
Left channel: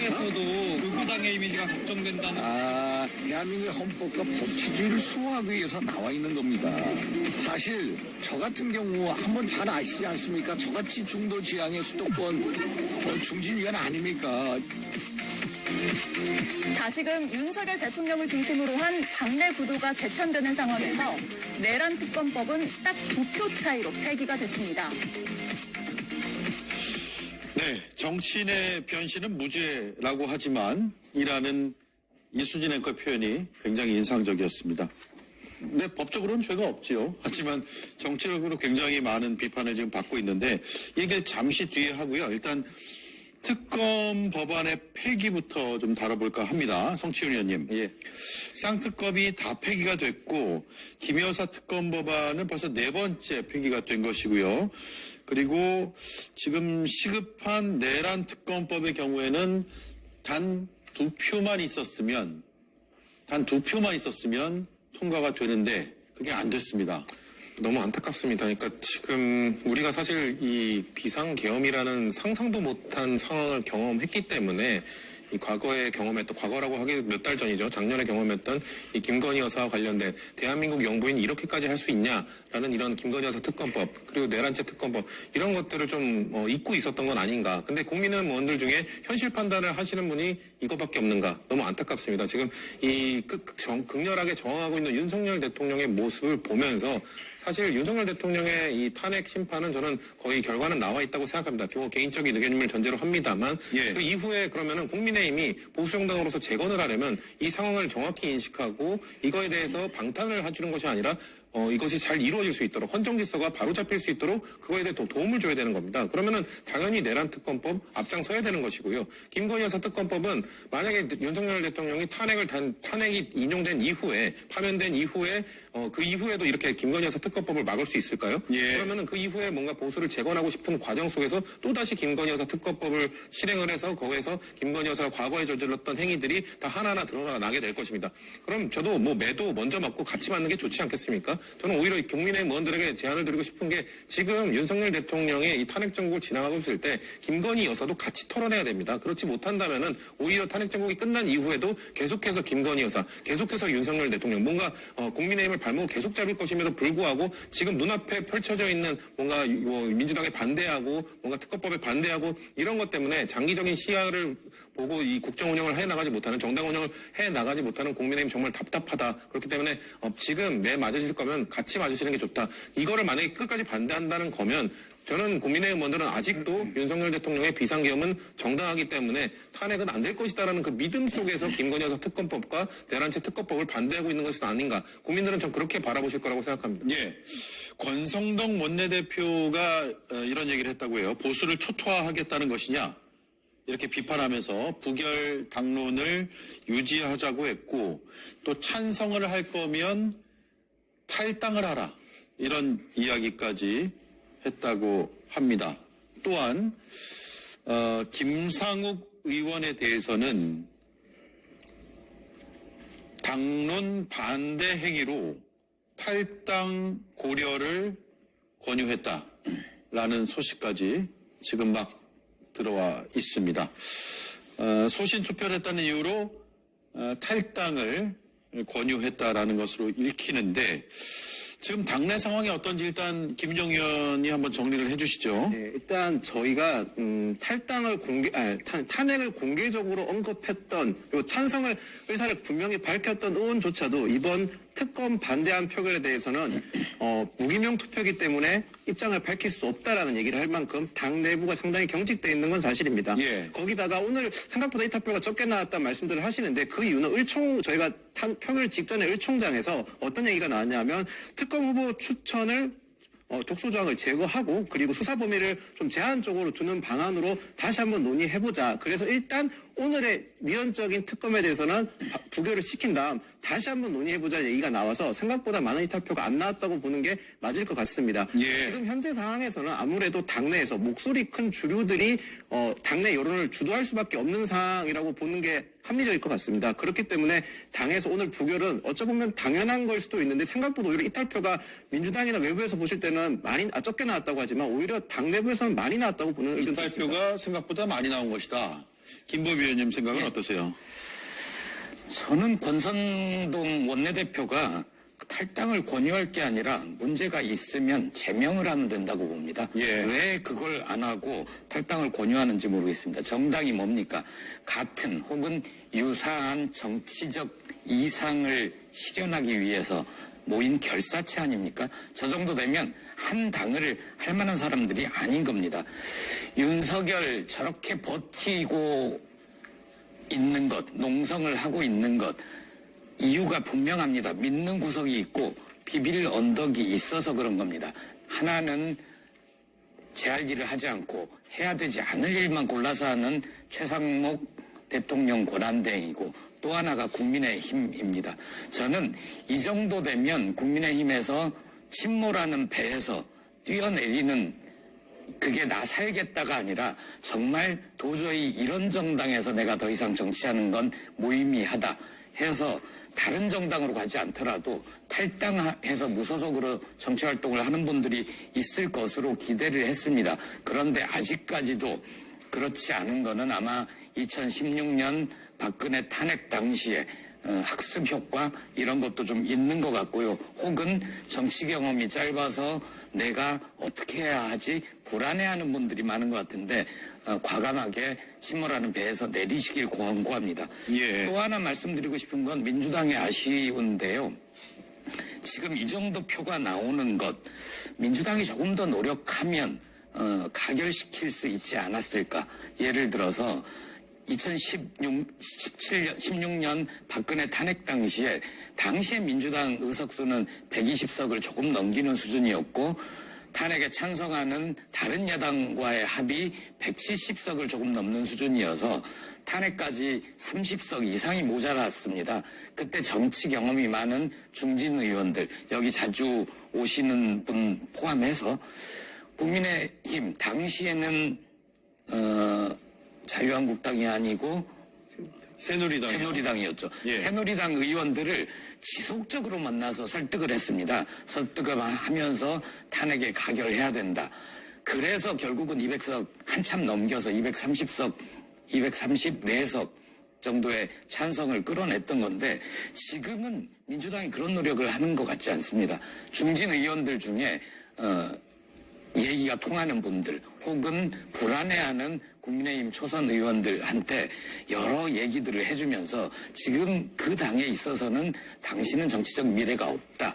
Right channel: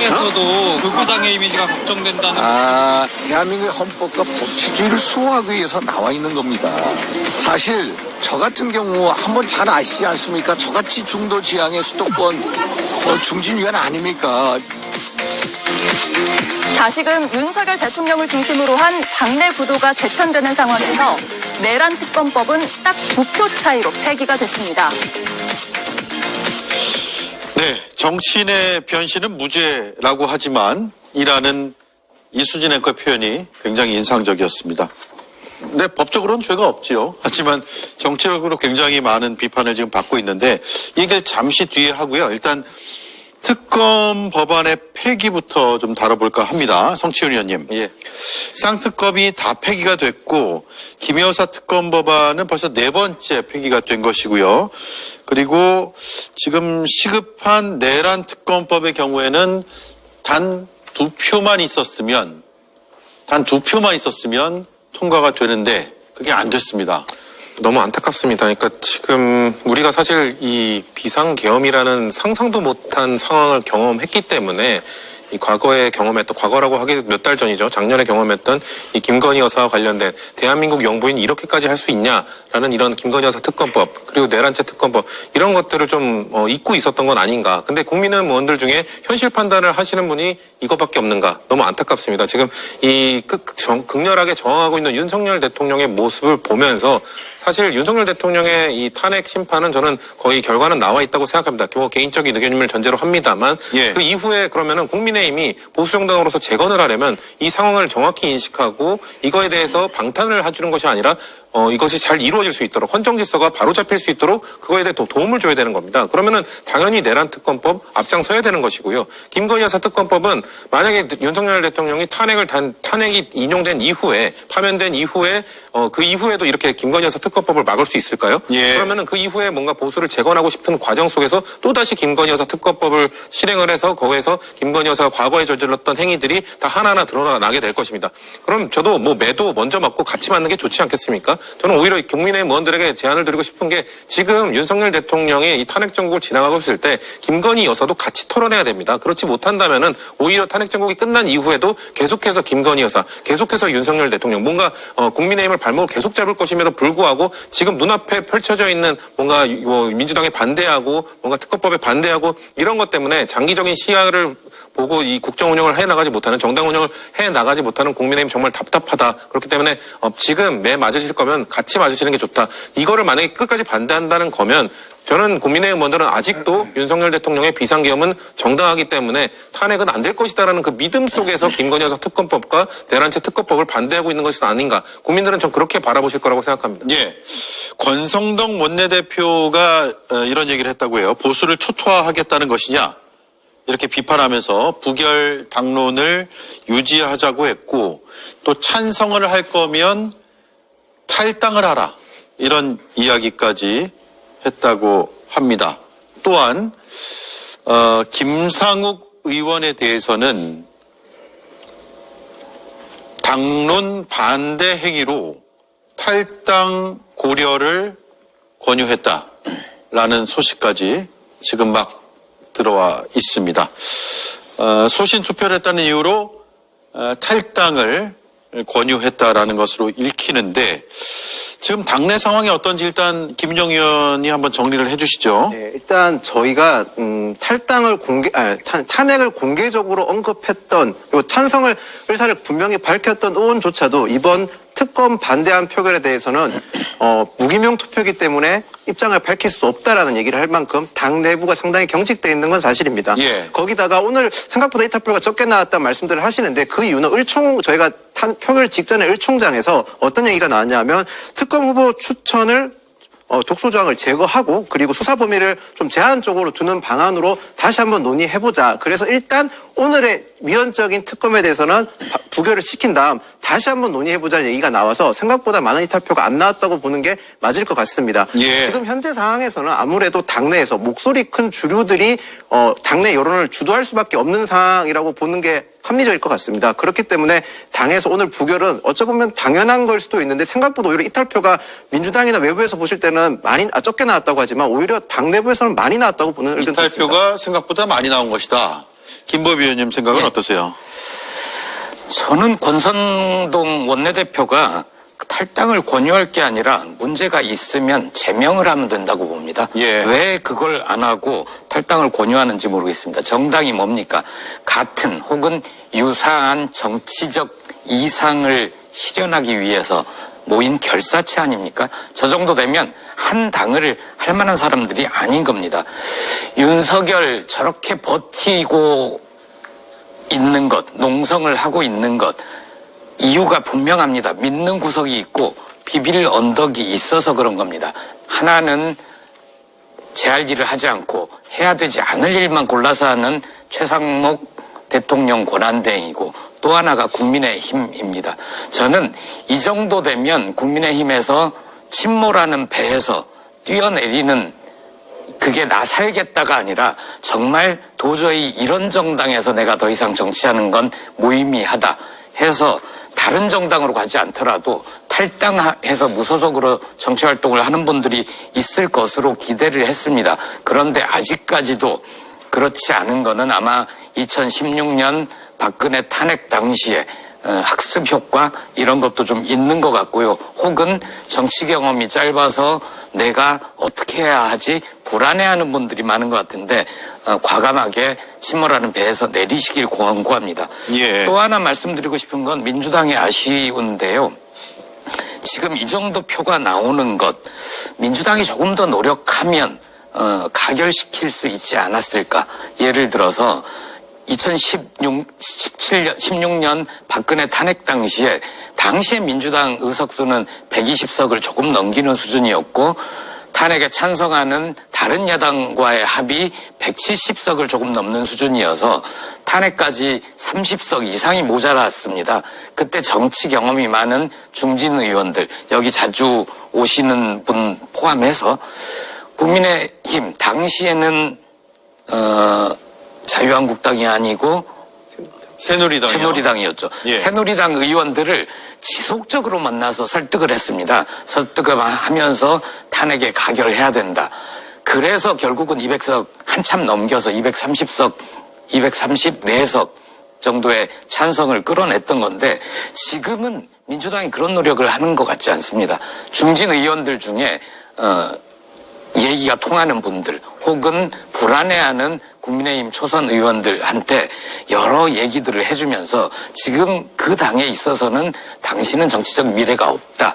에서도 극우당의 이미지가 걱정된다는. 대한민국의 헌법과 법치주의를 수호하기 위해서 나와 있는 겁니다. 사실 저 같은 경우 한번 잘 아시지 않습니까? 저같이 중도 지향의 수도권 중진위원 아닙니까? 다시금 윤석열 대통령을 중심으로 한 당내 구도가 재편되는 상황에서 내란 특검법은 딱 2표 차이로 폐기가 됐습니다. 네, 정치인의 변신은 무죄라고 하지만 이라는 이수진 앵커의 표현이 굉장히 인상적이었습니다. 네, 법적으로는 죄가 없지요. 하지만 정치적으로 굉장히 많은 비판을 지금 받고 있는데 이 얘기를 잠시 뒤에 하고요. 일단 특검 법안의 폐기부터 좀 다뤄볼까 합니다. 성치훈 의원님. 예. 쌍특검이 다 폐기가 됐고 김 여사 특검 법안은 벌써 4번째 폐기가 된 것이고요. 그리고 지금 시급한 내란 특검법의 경우에는 단 2표만 있었으면 통과가 되는데 그게 안 됐습니다. 너무 안타깝습니다. 그러니까 지금 우리가 사실 이 비상계엄이라는 상상도 못한 상황을 경험했기 때문에 이 과거에 경험했던, 과거라고 하기 몇 달 전이죠. 작년에 경험했던 이 김건희 여사와 관련된 대한민국 영부인이 이렇게까지 할 수 있냐라는 이런 김건희 여사 특검법, 그리고 내란죄 특검법, 이런 것들을 좀 잊고 있었던 건 아닌가. 근데 국민의원들 중에 현실 판단을 하시는 분이 이것밖에 없는가. 너무 안타깝습니다. 지금 이 극렬하게 저항하고 있는 윤석열 대통령의 모습을 보면서 사실 윤석열 대통령의 이 탄핵 심판은 저는 거의 결과는 나와 있다고 생각합니다. 개인적인 의견임을 전제로 합니다만 예. 그 이후에 그러면은 국민의힘이 보수정당으로서 재건을 하려면 이 상황을 정확히 인식하고 이거에 대해서 방탄을 해주는 것이 아니라 이것이 잘 이루어질 수 있도록, 헌정질서가 바로잡힐 수 있도록 그거에 대해 도움을 줘야 되는 겁니다. 그러면은 당연히 내란 특검법 앞장서야 되는 것이고요. 김건희 여사 특검법은 만약에 윤석열 대통령이 탄핵이 인용된 이후에, 파면된 이후에 그 이후에도 이렇게 김건희 여사 특검법을 막을 수 있을까요? 예. 그러면은 그 이후에 뭔가 보수를 재건하고 싶은 과정 속에서 또다시 김건희 여사 특검법을 실행을 해서 거기에서 김건희 여사가 과거에 저질렀던 행위들이 다 하나하나 드러나게 될 것입니다. 그럼 저도 매도 먼저 맞고 같이 맞는 게 좋지 않겠습니까? 저는 오히려 국민의힘 의원들에게 제안을 드리고 싶은 게 지금 윤석열 대통령이 이 탄핵 정국을 지나가고 있을 때 김건희 여사도 같이 털어내야 됩니다. 그렇지 못한다면은 오히려 탄핵 정국이 끝난 이후에도 계속해서 김건희 여사, 계속해서 윤석열 대통령 뭔가 국민의힘을 발목을 계속 잡을 것임에도 불구하고 지금 눈앞에 펼쳐져 있는 뭔가 민주당에 반대하고 뭔가 특검법에 반대하고 이런 것 때문에 장기적인 시야를 보고 이 국정 운영을 해나가지 못하는 정당 운영을 해나가지 못하는 국민의힘 정말 답답하다. 그렇기 때문에 지금 매 맞으실 거면 같이 맞으시는 게 좋다. 이거를 만약에 끝까지 반대한다는 거면 저는 국민의힘 의원들은 아직도 윤석열 대통령의 비상계엄은 정당하기 때문에 탄핵은 안 될 것이다라는 그 믿음 속에서 김건희 여사 특검법과 대란체 특검법을 반대하고 있는 것이 아닌가. 국민들은 좀 그렇게 바라보실 거라고 생각합니다. 예. 권성동 원내대표가 이런 얘기를 했다고 해요. 보수를 초토화하겠다는 것이냐. 이렇게 비판하면서 부결 당론을 유지하자고 했고 또 찬성을 할 거면 탈당을 하라. 이런 이야기까지 했다고 합니다. 또한 김상욱 의원에 대해서는 당론 반대 행위로 탈당 고려를 권유했다라는 소식까지 지금 막 들어와 있습니다. 소신 투표를 했다는 이유로 탈당을 권유했다라는 것으로 읽히는데 지금 당내 상황이 어떤지 일단 김은영 의원이 한번 정리를 해주시죠. 네, 일단 저희가 탄핵을 공개적으로 언급했던 그리고 찬성을 의사를 분명히 밝혔던 의원조차도 이번 특검 반대한 표결에 대해서는 무기명 투표이기 때문에 입장을 밝힐 수 없다라는 얘기를 할 만큼 당 내부가 상당히 경직돼 있는 건 사실입니다. 예. 거기다가 오늘 생각보다 이탈표가 적게 나왔다는 말씀들을 하시는데 그 이유는 저희가 표결 직전에 을총장에서 어떤 얘기가 나왔냐면 특검 후보 추천을 독소조항을 제거하고 그리고 수사 범위를 좀 제한적으로 두는 방안으로 다시 한번 논의해보자. 그래서 일단 오늘의 미연적인 특검에 대해서는 부결을 시킨 다음 다시 한번 논의해보자는 얘기가 나와서 생각보다 많은 이탈표가 안 나왔다고 보는 게 맞을 것 같습니다. 예. 지금 현재 상황에서는 아무래도 당내에서 목소리 큰 주류들이 당내 여론을 주도할 수밖에 없는 상황이라고 보는 게 합리적일 것 같습니다. 그렇기 때문에 당에서 오늘 부결은 어찌 보면 당연한 걸 수도 있는데 생각보다 오히려 이탈표가 민주당이나 외부에서 보실 때는 적게 나왔다고 하지만 오히려 당 내부에서는 많이 나왔다고 보는 의견도 있습니다. 이탈표가 생각보다 많이 나온 것이다. 김법위 의원님 생각은 어떠세요? 저는 권선동 원내대표가 탈당을 권유할 게 아니라 문제가 있으면 제명을 하면 된다고 봅니다. 예. 왜 그걸 안 하고 탈당을 권유하는지 모르겠습니다. 정당이 뭡니까? 같은 혹은 유사한 정치적 이상을 실현하기 위해서 모인 결사체 아닙니까? 저 정도 되면 한 당을 할 만한 사람들이 아닌 겁니다. 윤석열 저렇게 버티고 있는 것, 농성을 하고 있는 것, 이유가 분명합니다. 믿는 구석이 있고 비빌 언덕이 있어서 그런 겁니다. 하나는 제 할 일을 하지 않고 해야 되지 않을 일만 골라서 하는 최상목 대통령 권한대행이고 또 하나가 국민의힘입니다. 저는 이 정도 되면 국민의힘에서 침몰하는 배에서 뛰어내리는 그게 나 살겠다가 아니라 정말 도저히 이런 정당에서 내가 더 이상 정치하는 건 무의미하다 해서 다른 정당으로 가지 않더라도 탈당해서 무소속으로 정치활동을 하는 분들이 있을 것으로 기대를 했습니다. 그런데 아직까지도 그렇지 않은 거는 아마 2016년 박근혜 탄핵 당시에 학습 효과 이런 것도 좀 있는 것 같고요. 혹은 정치 경험이 짧아서 내가 어떻게 해야 하지 불안해하는 분들이 많은 것 같은데 과감하게 침몰하는 배에서 내리시길 권고합니다. 예. 또 하나 말씀드리고 싶은 건 민주당이 아쉬운데요. 지금 이 정도 표가 나오는 것 민주당이 조금 더 노력하면 가결시킬 수 있지 않았을까. 예를 들어서 16년 박근혜 탄핵 당시에 민주당 의석수는 120석을 조금 넘기는 수준이었고 탄핵에 찬성하는 다른 야당과의 합이 170석을 조금 넘는 수준이어서 탄핵까지 30석 이상이 모자랐습니다. 그때 정치 경험이 많은 중진 의원들, 여기 자주 오시는 분 포함해서 국민의힘 당시에는 자유한국당이 아니고 새누리당이요. 새누리당이었죠. 예. 새누리당 의원들을 지속적으로 만나서 설득을 했습니다. 설득을 하면서 탄핵에 가결해야 된다. 그래서 결국은 200석 한참 넘겨서 230석, 234석 정도의 찬성을 끌어냈던 건데 지금은 민주당이 그런 노력을 하는 것 같지 않습니다. 중진 의원들 중에 얘기가 통하는 분들 혹은 불안해하는 국민의힘 초선 의원들한테 여러 얘기들을 해주면서 지금 그 당에 있어서는 당신은 정치적 미래가 없다.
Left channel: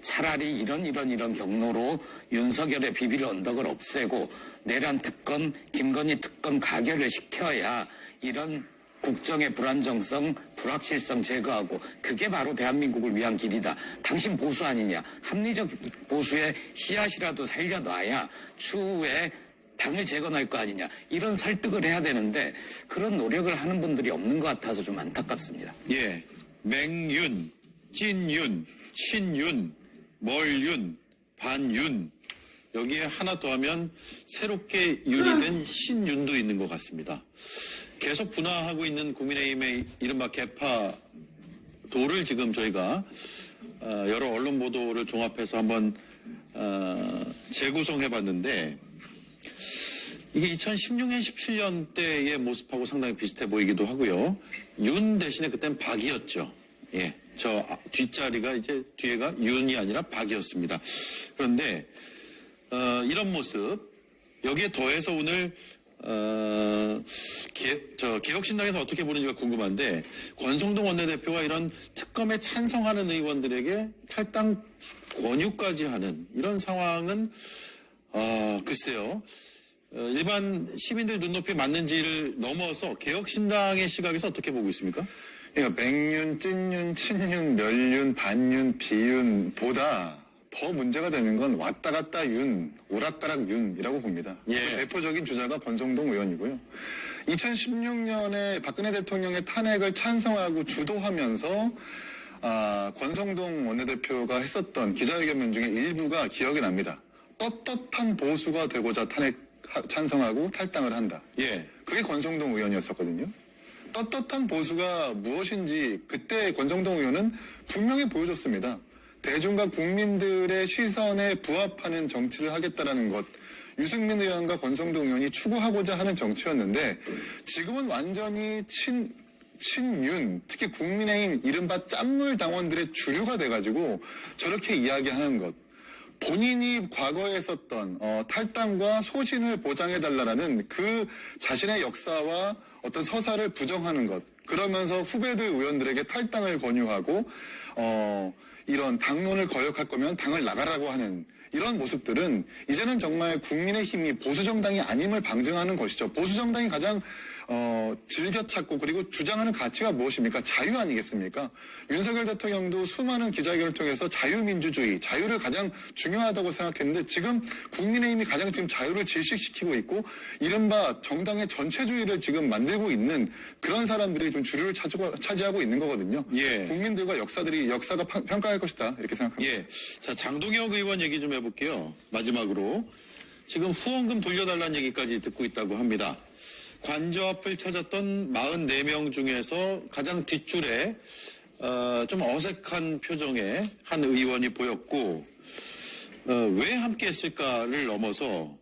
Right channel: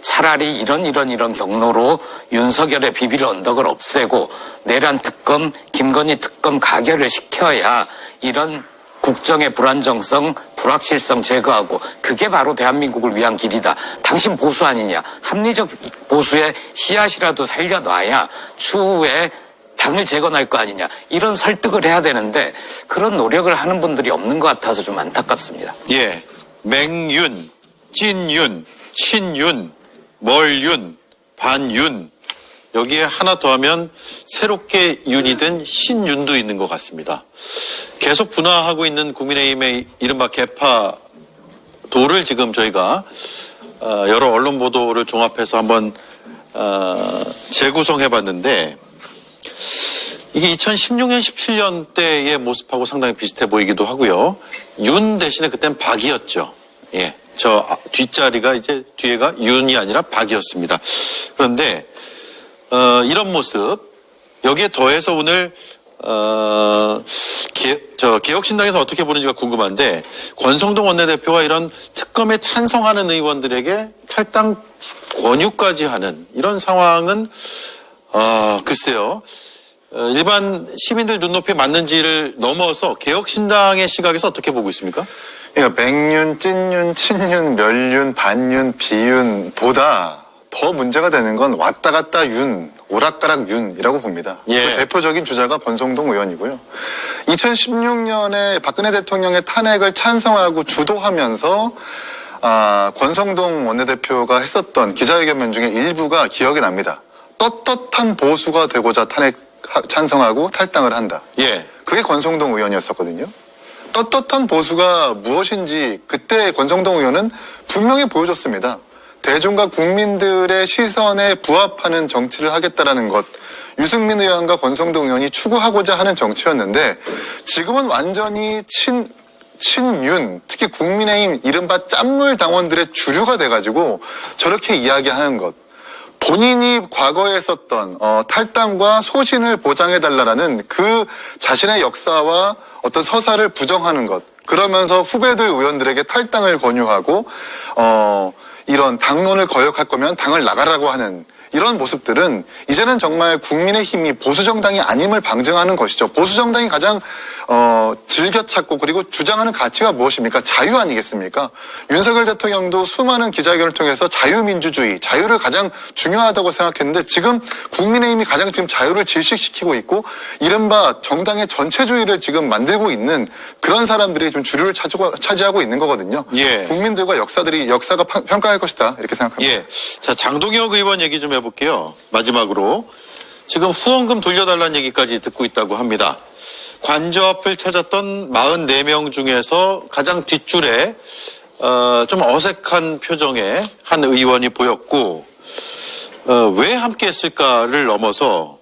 차라리 이런 경로로 윤석열의 비밀 언덕을 없애고 내란 특검, 김건희 특검 가결을 시켜야 이런 국정의 불안정성, 불확실성 제거하고 그게 바로 대한민국을 위한 길이다. 당신 보수 아니냐. 합리적 보수의 씨앗이라도 살려놔야 추후에 당을 재건할 거 아니냐. 이런 설득을 해야 되는데 그런 노력을 하는 분들이 없는 것 같아서 좀 안타깝습니다. 예, 맹윤, 찐윤, 친윤, 멀윤, 반윤 여기에 하나 더하면 새롭게 윤이 된 신윤도 있는 것 같습니다. 계속 분화하고 있는 국민의힘의 이른바 개파도를 지금 저희가 여러 언론 보도를 종합해서 한번 재구성해봤는데 이게 2016년, 17년 때의 모습하고 상당히 비슷해 보이기도 하고요. 윤 대신에 그땐 박이었죠. 예. 저 뒷자리가 이제 뒤에가 윤이 아니라 박이었습니다. 그런데 이런 모습 여기에 더해서 오늘 개혁신당에서 어떻게 보는지가 궁금한데 권성동 원내대표가 이런 특검에 찬성하는 의원들에게 탈당 권유까지 하는 이런 상황은 글쎄요. 일반 시민들 눈높이에 맞는지를 넘어서 개혁신당의 시각에서 어떻게 보고 있습니까? 그러니까 맹윤, 찐윤, 친윤, 멸윤, 반윤, 비윤보다 더 문제가 되는 건 왔다 갔다 윤, 오락가락 윤이라고 봅니다. 예. 그 대표적인 주자가 권성동 의원이고요. 2016년에 박근혜 대통령의 탄핵을 찬성하고 주도하면서 권성동 원내대표가 했었던 기자회견 중에 일부가 기억이 납니다. 떳떳한 보수가 되고자 탄핵 찬성하고 탈당을 한다. 예. 그게 권성동 의원이었었거든요. 떳떳한 보수가 무엇인지 그때 권성동 의원은 분명히 보여줬습니다. 대중과 국민들의 시선에 부합하는 정치를 하겠다라는 것. 유승민 의원과 권성동 의원이 추구하고자 하는 정치였는데 지금은 완전히 친윤, 특히 국민의힘 이른바 짠물 당원들의 주류가 돼가지고 저렇게 이야기하는 것. 본인이 과거에 썼던 탈당과 소신을 보장해달라는 그 자신의 역사와 어떤 서사를 부정하는 것. 그러면서 후배들 의원들에게 탈당을 권유하고 이런 당론을 거역할 거면 당을 나가라고 하는 이런 모습들은 이제는 정말 국민의힘이 보수정당이 아님을 방증하는 것이죠. 보수정당이 가장 즐겨 찾고 그리고 주장하는 가치가 무엇입니까? 자유 아니겠습니까? 윤석열 대통령도 수많은 기자회견을 통해서 자유민주주의, 자유를 가장 중요하다고 생각했는데 지금 국민의힘이 가장 지금 자유를 질식시키고 있고 이른바 정당의 전체주의를 지금 만들고 있는 그런 사람들이 좀 주류를 차지하고 있는 거거든요. 예. 국민들과 역사가 평가할 것이다 이렇게 생각합니다. 예. 자, 장동혁 의원 얘기 좀 해볼게요. 마지막으로. 지금 후원금 돌려달라는 얘기까지 듣고 있다고 합니다. 관저 앞을 찾았던 44명 중에서 가장 뒷줄에 좀 어색한 표정의 한 의원이 보였고 왜 함께 했을까를 넘어서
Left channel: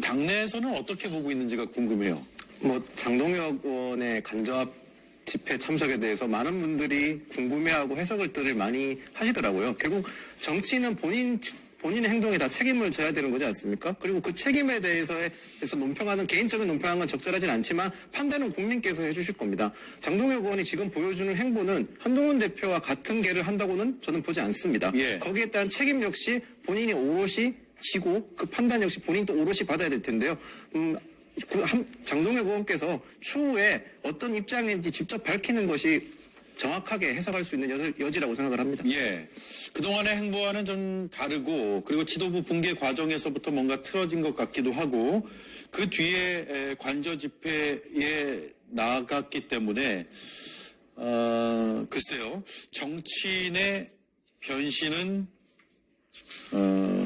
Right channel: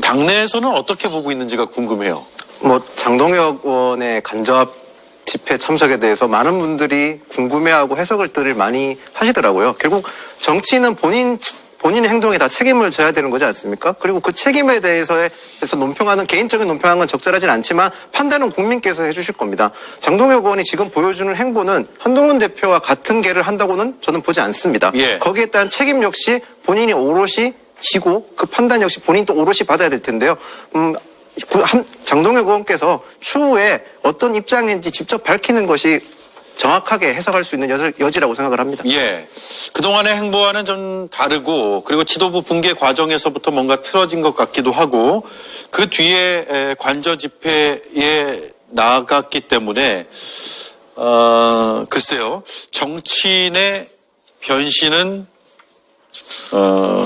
당내에서는 어떻게 보고 있는지가 궁금해요. 장동혁 의원의 간접 집회 참석에 대해서 많은 분들이 궁금해하고 해석을 많이 하시더라고요. 결국 정치인은 본인의 행동에 다 책임을 져야 되는 거지 않습니까? 그리고 그 책임에 대해서 개인적인 논평하는 건 적절하진 않지만 판단은 국민께서 해주실 겁니다. 장동혁 의원이 지금 보여주는 행보는 한동훈 대표와 같은 계를 한다고는 저는 보지 않습니다. 예. 거기에 따른 책임 역시 본인이 오롯이 지고 그 판단 역시 본인이 또 오롯이 받아야 될 텐데요. 장동혁 의원께서 추후에 어떤 입장인지 직접 밝히는 것이 정확하게 해석할 수 있는 여지라고 생각을 합니다. 예. 그동안의 행보와는 좀 다르고 그리고 지도부 붕괴 과정에서부터 뭔가 틀어진 것 같기도 하고 그 뒤에 관저 집회에 나갔기 때문에 글쎄요. 정치인의 변신은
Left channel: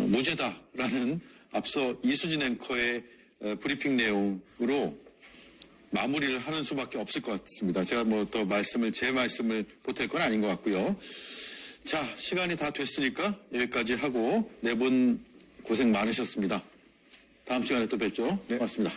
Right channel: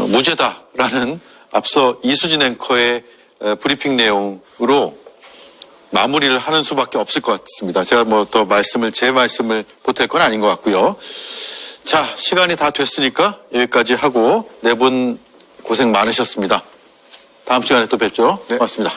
무죄다라는 앞서 이수진 앵커의 브리핑 내용으로 마무리를 하는 수밖에 없을 것 같습니다. 제가 뭐 더 제 말씀을 보탤 건 아닌 것 같고요. 자, 시간이 다 됐으니까 여기까지 하고 네 분 고생 많으셨습니다. 다음 시간에 또 뵙죠. 고맙습니다.